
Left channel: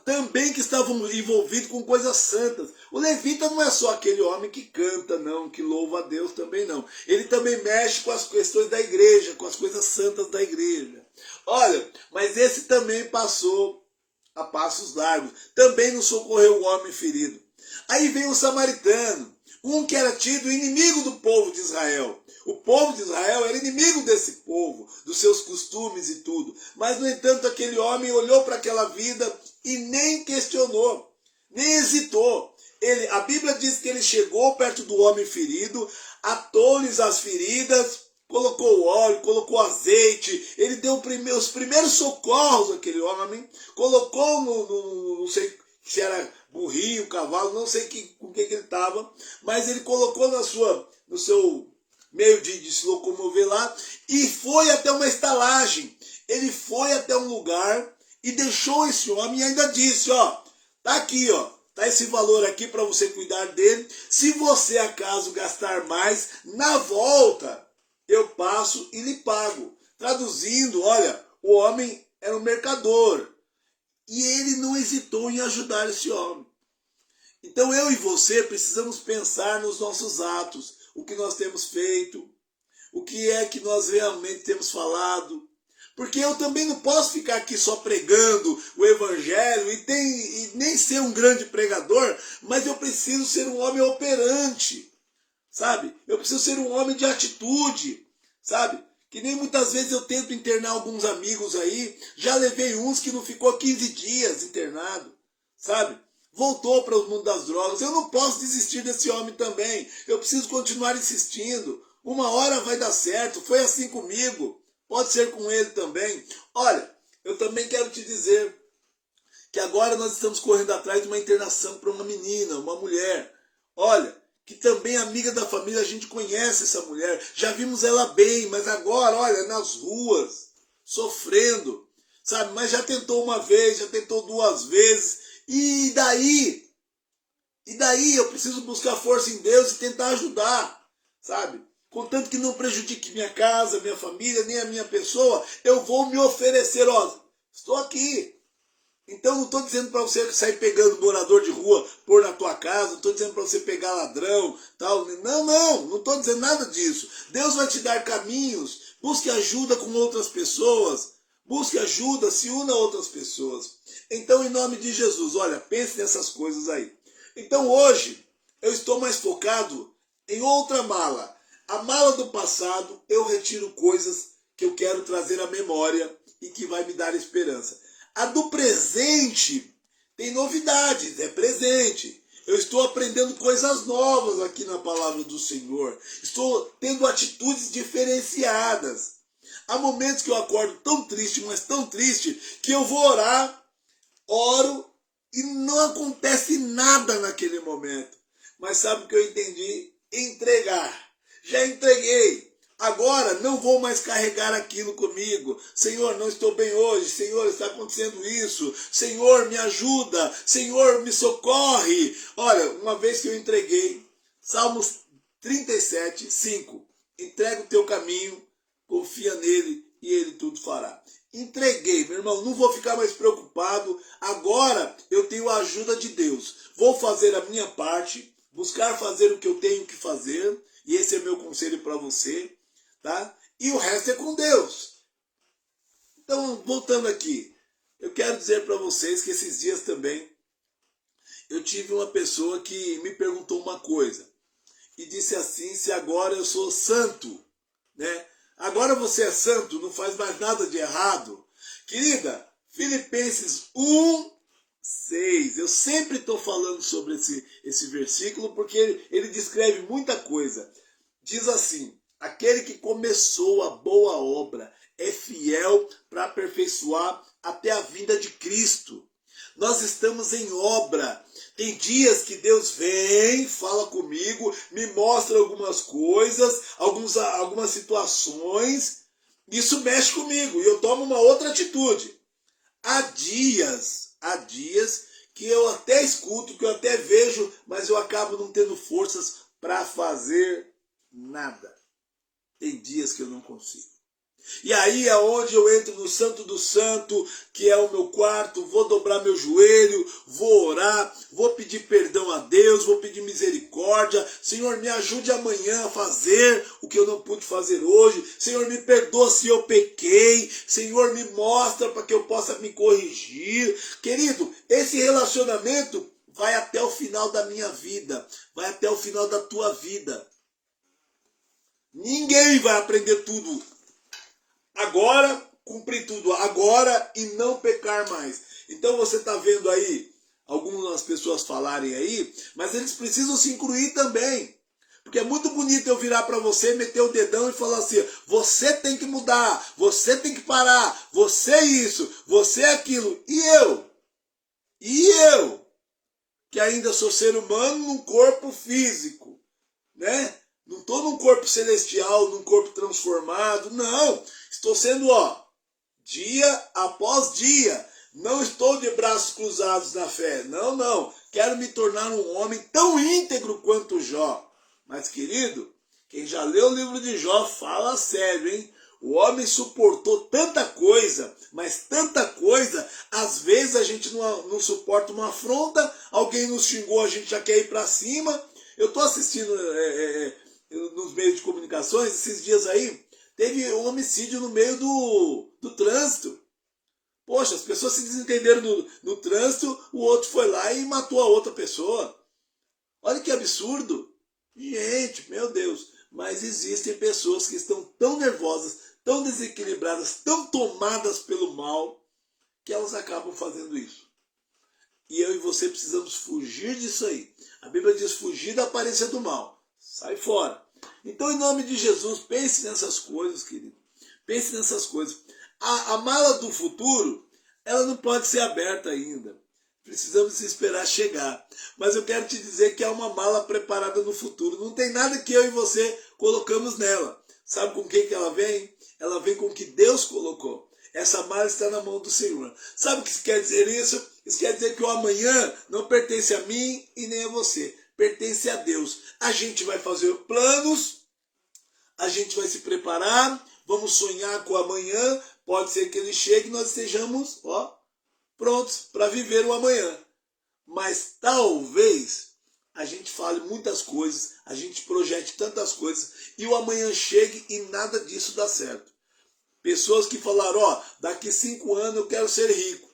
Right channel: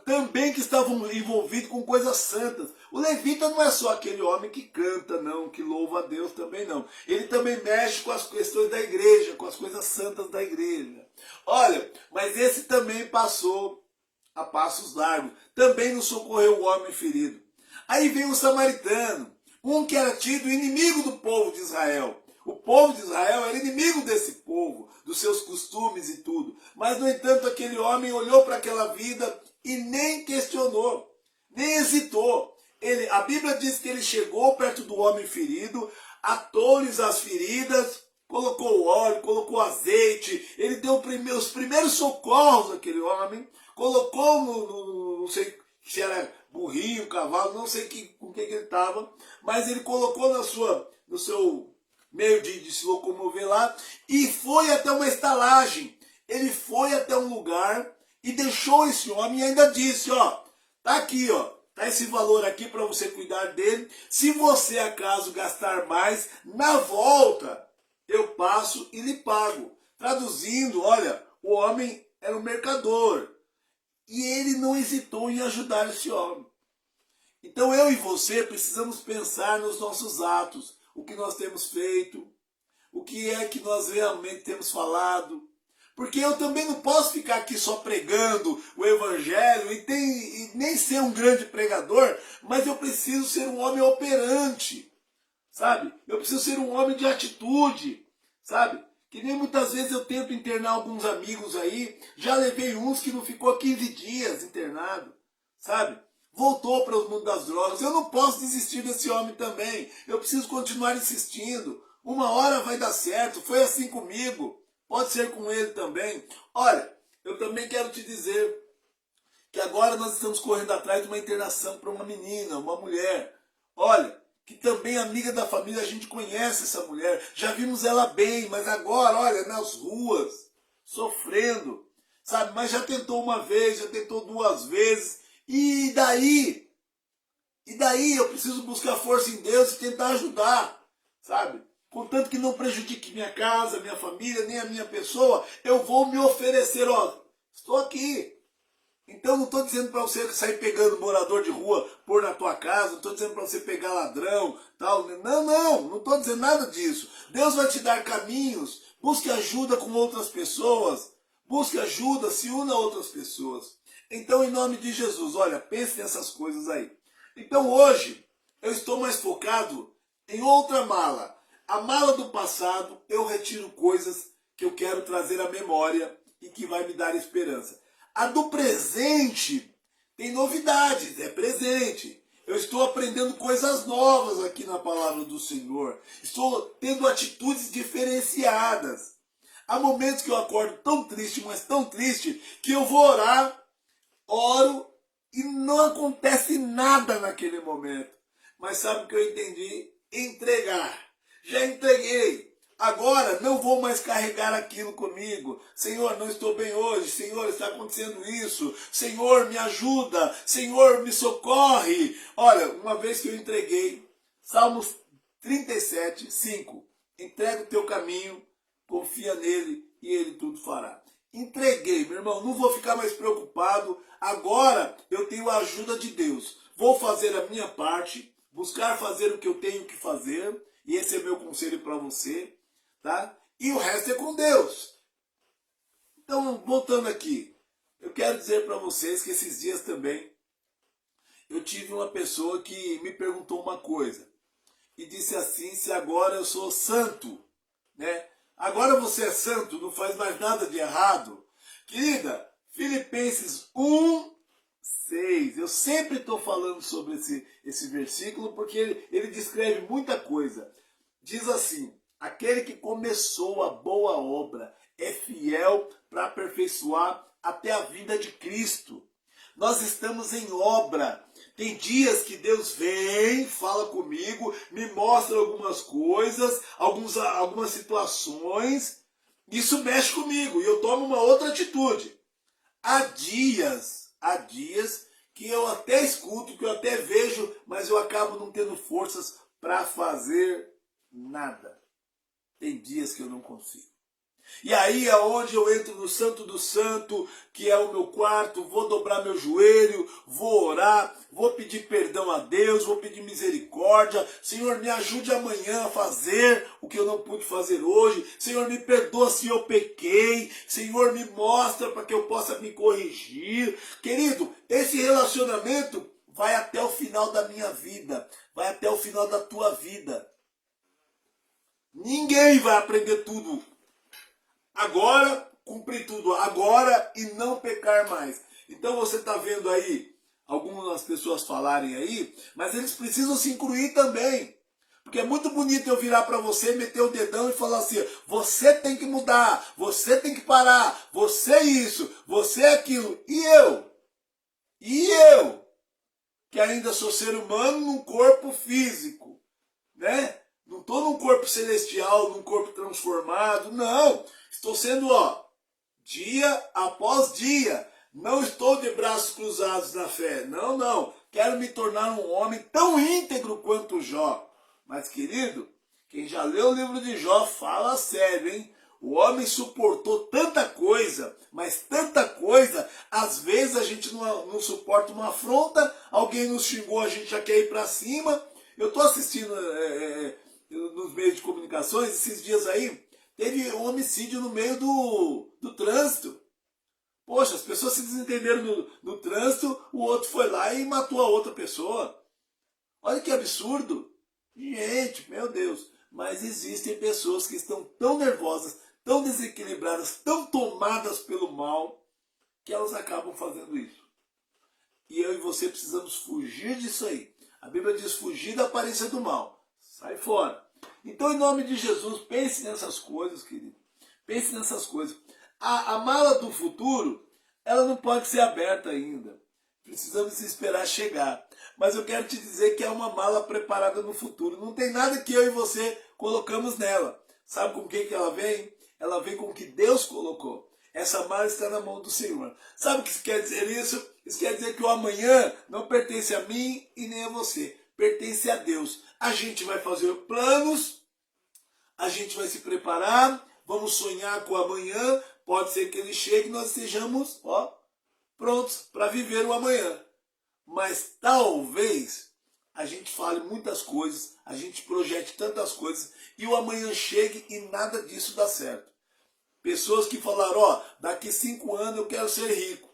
também que estavam envolvidos com coisas santas. O levita não é só aquele homem que canta, não, que louva a Deus também não. Ele também mexe com as questões da igreja, com as coisas santas da igreja. Olha, mas esse também passou a passos largos. Também não socorreu o homem ferido. Aí vem o samaritano, um que era tido inimigo do povo de Israel. O povo de Israel era inimigo desse povo, dos seus costumes e tudo. Mas, no entanto, aquele homem olhou para aquela vida e nem questionou, nem hesitou. A Bíblia diz que ele chegou perto do homem ferido, atou-lhes as feridas, colocou óleo, colocou azeite, ele deu os primeiros socorros àquele homem, colocou não sei se era burrinho, cavalo, não sei com que ele estava, mas ele colocou no seu meio de se locomover lá, e foi até uma estalagem. Ele foi até um lugar e deixou esse homem e ainda disse, ó, tá aqui, ó, tá esse valor aqui para você cuidar dele. Se você acaso gastar mais, na volta eu passo e lhe pago. Traduzindo, olha, o homem era um mercador e ele não hesitou em ajudar esse homem. Então eu e você precisamos pensar nos nossos atos, o que nós temos feito, o que é que nós realmente temos falado. Porque eu também não posso ficar aqui só pregando o evangelho e nem ser um grande pregador, mas eu preciso ser um homem operante, sabe? Eu preciso ser um homem de atitude, sabe? Que nem muitas vezes eu tento internar alguns amigos aí, já levei uns que não ficou 15 dias internado, sabe? Voltou para o mundo das drogas. Eu não posso desistir desse homem também. Eu preciso continuar insistindo. Uma hora vai dar certo. Foi assim comigo. Pode ser com ele também. Olha, eu também quero te dizer que agora nós estamos correndo atrás de uma internação para uma menina, uma mulher. Olha, que também amiga da família, a gente conhece essa mulher. Já vimos ela bem, mas agora, olha, nas ruas, sofrendo, sabe? Mas já tentou uma vez, já tentou 2 vezes. E daí? E daí eu preciso buscar força em Deus e tentar ajudar, sabe? Contanto que não prejudique minha casa, minha família, nem a minha pessoa, eu vou me oferecer, ó, estou aqui. Então não estou dizendo para você sair pegando morador de rua, pôr na tua casa, não estou dizendo para você pegar ladrão, tal. Não estou dizendo nada disso. Deus vai te dar caminhos, busque ajuda com outras pessoas, busque ajuda, se una a outras pessoas. Então, em nome de Jesus, olha, pense nessas coisas aí. Então hoje, eu estou mais focado em outra mala. A mala do passado, eu retiro coisas que eu quero trazer à memória e que vai me dar esperança. A do presente tem novidades, é presente. Eu estou aprendendo coisas novas aqui na palavra do Senhor. Estou tendo atitudes diferenciadas. Há momentos que eu acordo tão triste, mas tão triste, que eu vou orar, oro e não acontece nada naquele momento. Mas sabe o que eu entendi? Entregar. Já entreguei. Agora não vou mais carregar aquilo comigo. Senhor, não estou bem hoje. Senhor, está acontecendo isso. Senhor, me ajuda. Senhor, me socorre. Olha, uma vez que eu entreguei, Salmos 37, 5. Entrega o teu caminho, confia nele e ele tudo fará. Entreguei, meu irmão, não vou ficar mais preocupado. Agora eu tenho a ajuda de Deus. Vou fazer a minha parte, buscar fazer o que eu tenho que fazer, e esse é meu conselho para você, tá? E o resto é com Deus. Então, voltando aqui, eu quero dizer para vocês que esses dias também eu tive uma pessoa que me perguntou uma coisa e disse assim: se agora eu sou santo, né? Agora você é santo, não faz mais nada de errado. Querida, Filipenses 1:6. Eu sempre estou falando sobre esse versículo porque ele descreve muita coisa. Diz assim: aquele que começou a boa obra é fiel para aperfeiçoar até a vinda de Cristo. Nós estamos em obra. Tem dias que Deus vem, fala comigo, me mostra algumas coisas, algumas situações. Isso mexe comigo e eu tomo uma outra atitude. Há dias que eu até escuto, que eu até vejo, mas eu acabo não tendo forças para fazer nada. Tem dias que eu não consigo. E aí é onde eu entro no Santo do Santo, que é o meu quarto, vou dobrar meu joelho, vou orar, vou pedir perdão a Deus, vou pedir misericórdia. Senhor, me ajude amanhã a fazer o que eu não pude fazer hoje. Senhor, me perdoa se eu pequei. Senhor, me mostra para que eu possa me corrigir. Querido, esse relacionamento vai até o final da minha vida, vai até o final da tua vida. Ninguém vai aprender tudo agora, cumprir tudo agora e não pecar mais. Então você está vendo aí algumas pessoas falarem aí, mas eles precisam se incluir também. Porque é muito bonito eu virar para você, meter o dedão e falar assim: você tem que mudar, você tem que parar, você é isso, você é aquilo. E eu, que ainda sou ser humano num corpo físico, né? Não estou num corpo celestial, num corpo transformado, não. Estou sendo, dia após dia. Não estou de braços cruzados na fé. Não, não. Quero me tornar um homem tão íntegro quanto Jó. Mas, querido, quem já leu o livro de Jó, fala sério, hein? O homem suportou tanta coisa, mas tanta coisa. Às vezes a gente não suporta uma afronta, alguém nos xingou, a gente já quer ir para cima. Eu estou assistindo nos meios de comunicações, esses dias aí, teve um homicídio no meio do trânsito. Poxa, as pessoas se desentenderam no trânsito, o outro foi lá e matou a outra pessoa. Olha que absurdo. Gente, meu Deus. Mas existem pessoas que estão tão nervosas, tão desequilibradas, tão tomadas pelo mal, que elas acabam fazendo isso. E eu e você precisamos fugir disso aí. A Bíblia diz fugir da aparência do mal. Sai fora. Então, em nome de Jesus, pense nessas coisas, querido. Pense nessas coisas. A mala do futuro, ela não pode ser aberta ainda. Precisamos esperar chegar. Mas eu quero te dizer que é uma mala preparada no futuro. Não tem nada que eu e você colocamos nela. Sabe com quem que ela vem? Ela vem com o que Deus colocou. Essa mala está na mão do Senhor. Sabe o que quer dizer isso? Isso quer dizer que o amanhã não pertence a mim e nem a você. Pertence a Deus. A gente vai fazer planos, a gente vai se preparar, vamos sonhar com o amanhã. Pode ser que ele chegue e nós estejamos prontos para viver o amanhã. Mas talvez a gente fale muitas coisas, a gente projete tantas coisas e o amanhã chegue e nada disso dá certo. Pessoas que falaram, daqui 5 anos eu quero ser rico.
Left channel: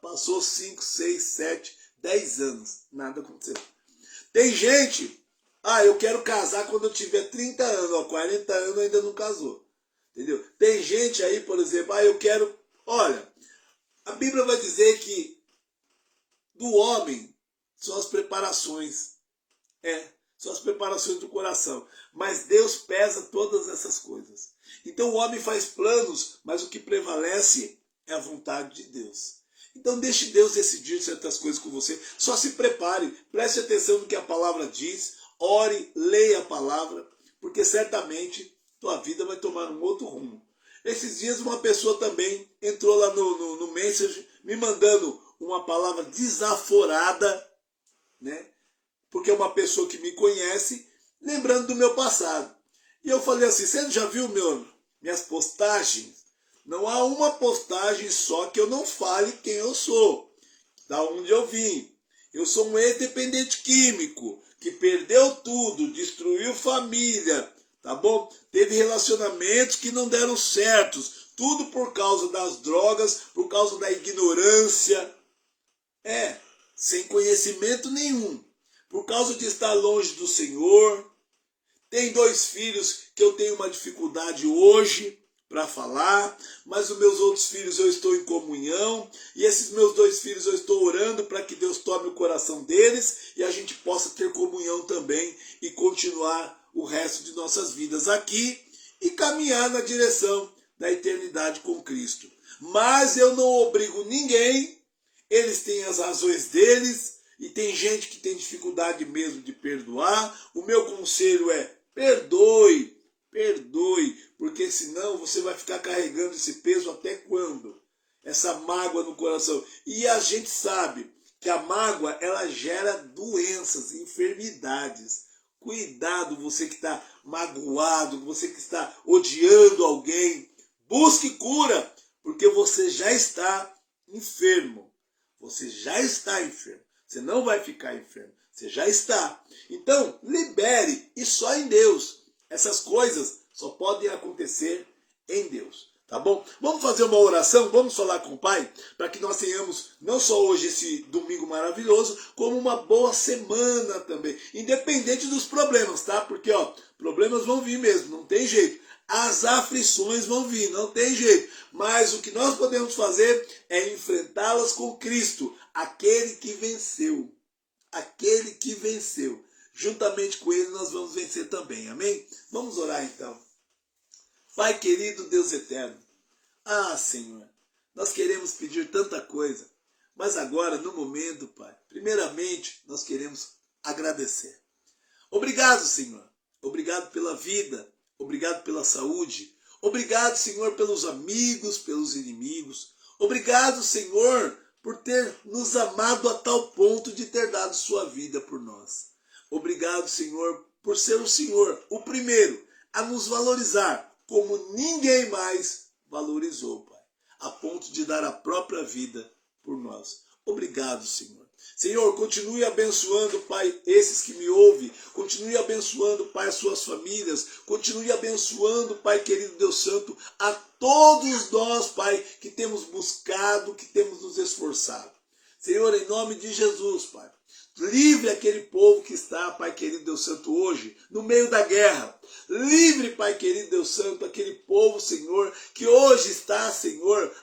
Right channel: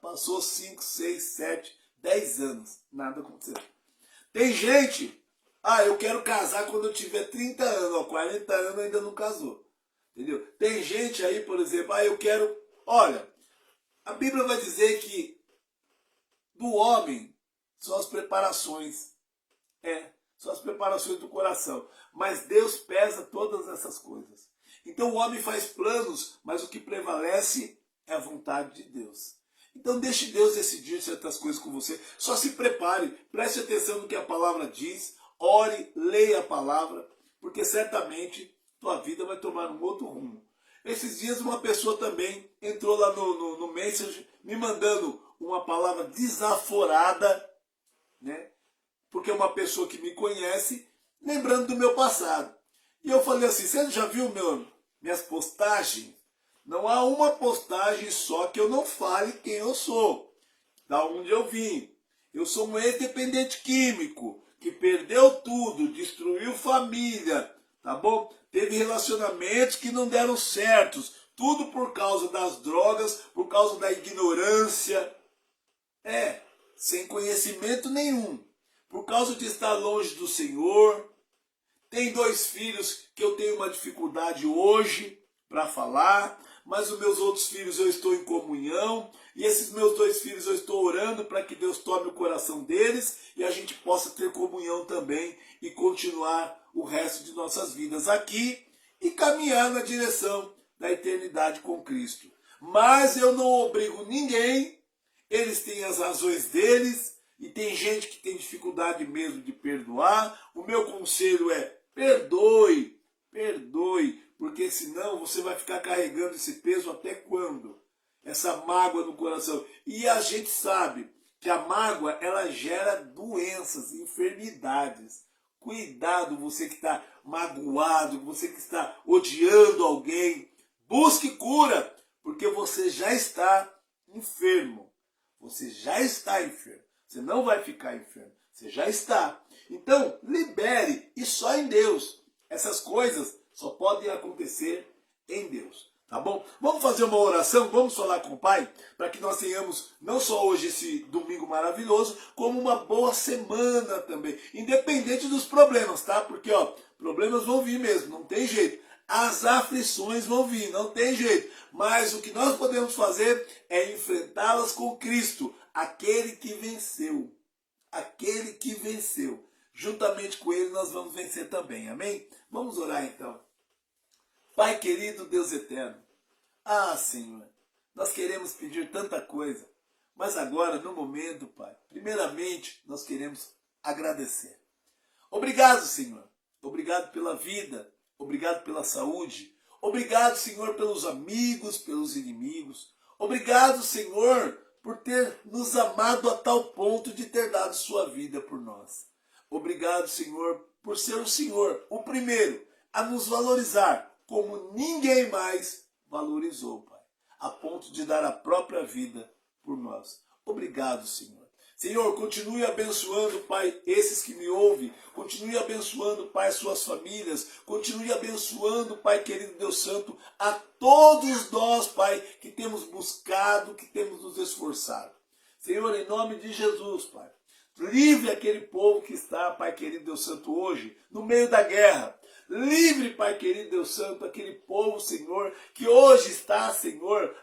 Passou 5, 6, 7, 10 anos, nada aconteceu. Tem gente, eu quero casar quando eu tiver 30 anos, 40 anos ainda não casou. Entendeu? Tem gente aí, por exemplo, eu quero... Olha, a Bíblia vai dizer que do homem são as preparações. São as preparações do coração. Mas Deus pesa todas essas coisas. Então o homem faz planos, mas o que prevalece é a vontade de Deus. Então deixe Deus decidir certas coisas com você. Só se prepare, preste atenção no que a palavra diz, ore, leia a palavra, porque certamente tua vida vai tomar um outro rumo. Esses dias uma pessoa também entrou lá no Messenger, me mandando uma palavra desaforada, né? Porque é uma pessoa que me conhece, lembrando do meu passado. E eu falei assim, você já viu minhas postagens? Não há uma postagem só que eu não fale quem eu sou, da onde eu vim. Eu sou um ex-dependente químico que perdeu tudo, destruiu família, tá bom? Teve relacionamentos que não deram certos, tudo por causa das drogas, por causa da ignorância. Sem conhecimento nenhum, por causa de estar longe do Senhor. Tem 2 filhos que eu tenho uma dificuldade hoje para falar, mas os meus outros filhos eu estou em comunhão, e esses meus 2 filhos eu estou orando para que Deus tome o coração deles e a gente possa ter comunhão também e continuar o resto de nossas vidas aqui e caminhar na direção da eternidade com Cristo. Mas eu não obrigo ninguém, eles têm as razões deles e tem gente que tem dificuldade mesmo de perdoar. O meu conselho é: perdoe, perdoe, porque senão você vai ficar carregando esse peso até quando? Essa mágoa no coração. E a gente sabe que a mágoa, ela gera doenças, enfermidades. Cuidado, você que está magoado, você que está odiando alguém. Busque cura, porque você já está enfermo. Você já está enfermo. Você não vai ficar enfermo. Você já está. Então, libere, e só em Deus. Essas coisas só podem acontecer em Deus. Tá bom? Vamos fazer uma oração, vamos falar com o Pai, para que nós tenhamos não só hoje esse domingo maravilhoso, como uma boa semana também. Independente dos problemas, tá? Porque, problemas vão vir mesmo, não tem jeito. As aflições vão vir, não tem jeito. Mas o que nós podemos fazer é enfrentá-las com Cristo, aquele que venceu. Aquele que venceu. Juntamente com ele nós vamos vencer também, amém? Vamos orar então. Pai querido, Deus eterno, Senhor, nós queremos pedir tanta coisa, mas agora, no momento, Pai, primeiramente, nós queremos agradecer. Obrigado, Senhor. Obrigado pela vida, obrigado pela saúde, obrigado, Senhor, pelos amigos, pelos inimigos. Obrigado, Senhor, por ter nos amado a tal ponto de ter dado sua vida por nós. Obrigado, Senhor, por ser o Senhor, o primeiro, a nos valorizar como ninguém mais valorizou, Pai, a ponto de dar a própria vida por nós. Obrigado, Senhor. Senhor, continue abençoando, Pai, esses que me ouvem. Continue abençoando, Pai, as suas famílias. Continue abençoando, Pai querido Deus Santo, a todos nós, Pai, que temos buscado, que temos nos esforçado. Senhor, em nome de Jesus, Pai, livre aquele povo que está, Pai querido Deus Santo, hoje, no meio da guerra. Livre, Pai querido Deus Santo, aquele povo, Senhor, que hoje está, Senhor,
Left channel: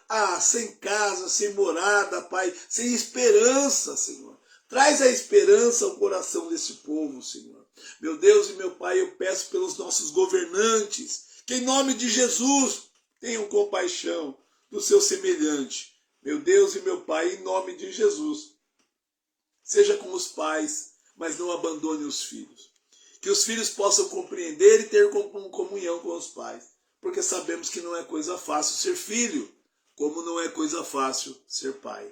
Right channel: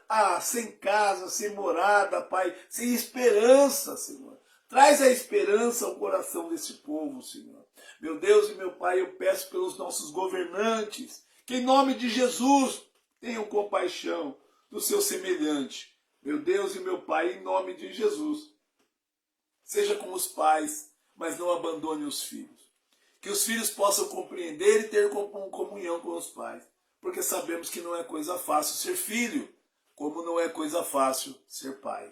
sem casa, sem morada, Pai, sem esperança, Senhor. Traz a esperança ao coração desse povo, Senhor. Meu Deus e meu Pai, eu peço pelos nossos governantes, que em nome de Jesus tenham compaixão do seu semelhante. Meu Deus e meu Pai, em nome de Jesus, seja com os pais, mas não abandone os filhos. Que os filhos possam compreender e ter comunhão com os pais. Porque sabemos que não é coisa fácil ser filho, como não é coisa fácil ser pai.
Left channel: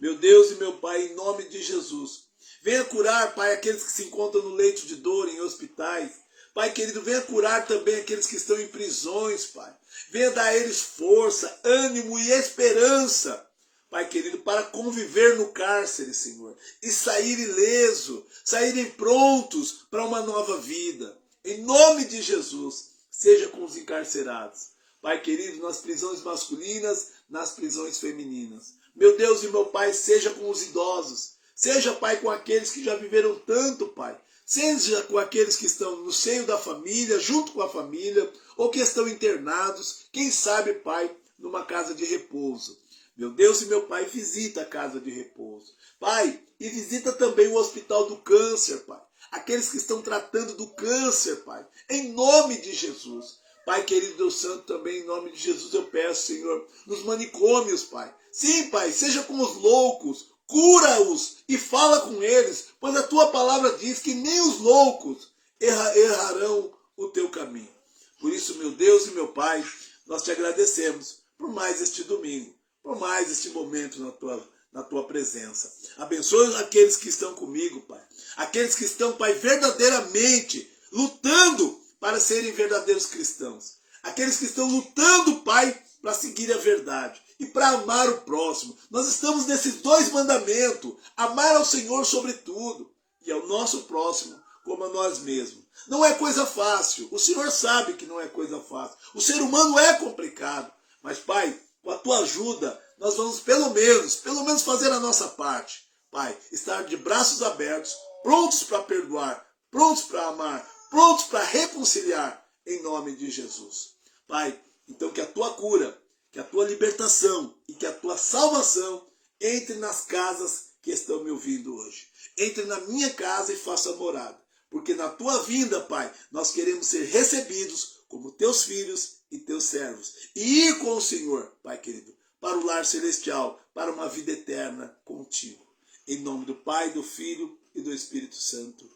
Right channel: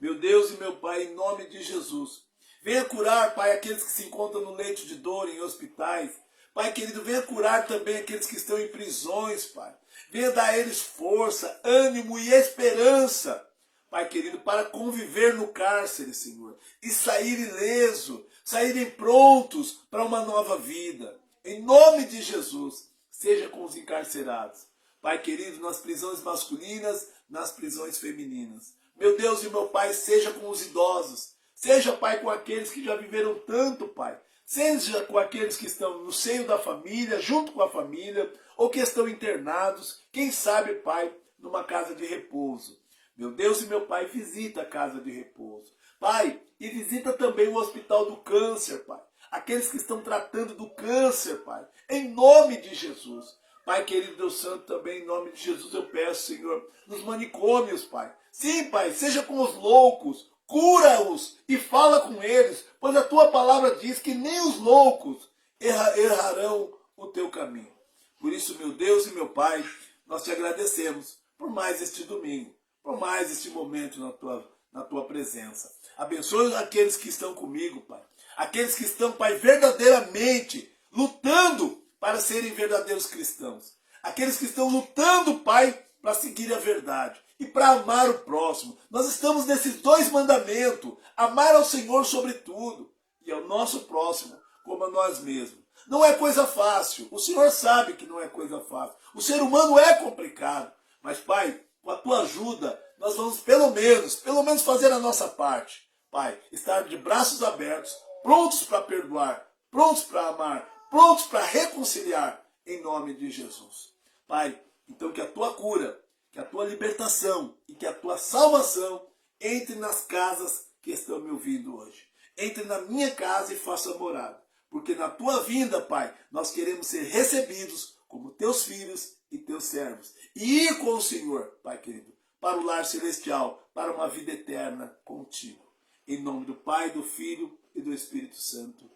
Meu Deus e meu Pai, em nome de Jesus, venha curar, Pai, aqueles que se encontram no leito de dor, em hospitais. Pai querido, venha curar também aqueles que estão em prisões, Pai. Venha dar a eles força, ânimo e esperança, Pai querido, para conviver no cárcere, Senhor, e sair ileso, saírem prontos para uma nova vida. Em nome de Jesus, seja com os encarcerados. Pai querido, nas prisões masculinas, nas prisões femininas. Meu Deus e meu Pai, seja com os idosos. Seja, Pai, com aqueles que já viveram tanto, Pai. Seja com aqueles que estão no seio da família, junto com a família, ou que estão internados, quem sabe, Pai, numa casa de repouso. Meu Deus e meu Pai, visita a casa de repouso. Pai, e visita também o hospital do câncer, Pai. Aqueles que estão tratando do câncer, Pai. Em nome de Jesus. Pai querido Deus Santo, também em nome de Jesus eu peço, Senhor, nos manicômios, Pai. Sim, Pai, seja com os loucos, cura-os e fala com eles, pois a Tua palavra diz que nem os loucos errarão o Teu caminho. Por isso, meu Deus e meu Pai, nós Te agradecemos por mais este domingo, por mais este momento na tua presença. Abençoe aqueles que estão comigo, Pai. Aqueles que estão, Pai, verdadeiramente lutando para serem verdadeiros cristãos. Aqueles que estão lutando, Pai, para seguir a verdade e para amar o próximo. Nós estamos nesses dois mandamentos: amar ao Senhor sobre tudo e ao nosso próximo como a nós mesmos. Não é coisa fácil. O Senhor sabe que não é coisa fácil. O ser humano é complicado. Mas, Pai, com a tua ajuda, nós vamos pelo menos fazer a nossa parte. Pai, estar de braços abertos, prontos para perdoar, prontos para amar, prontos para reconciliar, em nome de Jesus. Pai, então que a tua cura, que a tua libertação e que a tua salvação entre nas casas que estão me ouvindo hoje. Entre na minha casa e faça morada. Porque na tua vinda, Pai, nós queremos ser recebidos como teus filhos e teus servos. E ir com o Senhor, Pai querido, para o lar celestial, para uma vida eterna contigo. Em nome do Pai, do Filho e do Espírito Santo.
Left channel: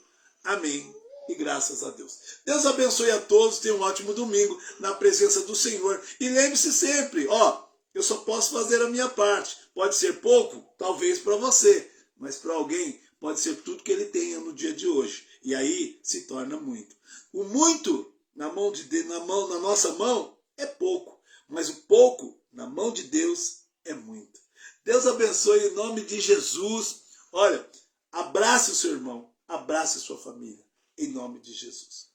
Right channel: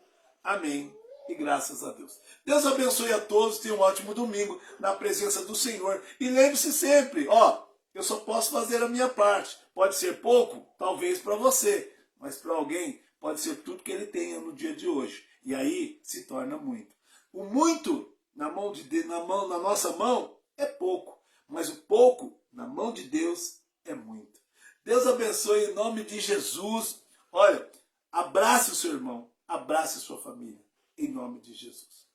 Amém. E graças a Deus. Deus abençoe a todos. Tenham um ótimo domingo na presença do Senhor. E lembre-se sempre, eu só posso fazer a minha parte. Pode ser pouco, talvez para você, mas para alguém pode ser tudo que ele tenha no dia de hoje. E aí se torna muito. O muito na nossa mão é pouco, mas o pouco na mão de Deus é muito. Deus abençoe em nome de Jesus. Olha, abrace o seu irmão, abrace a sua família, em nome de Jesus.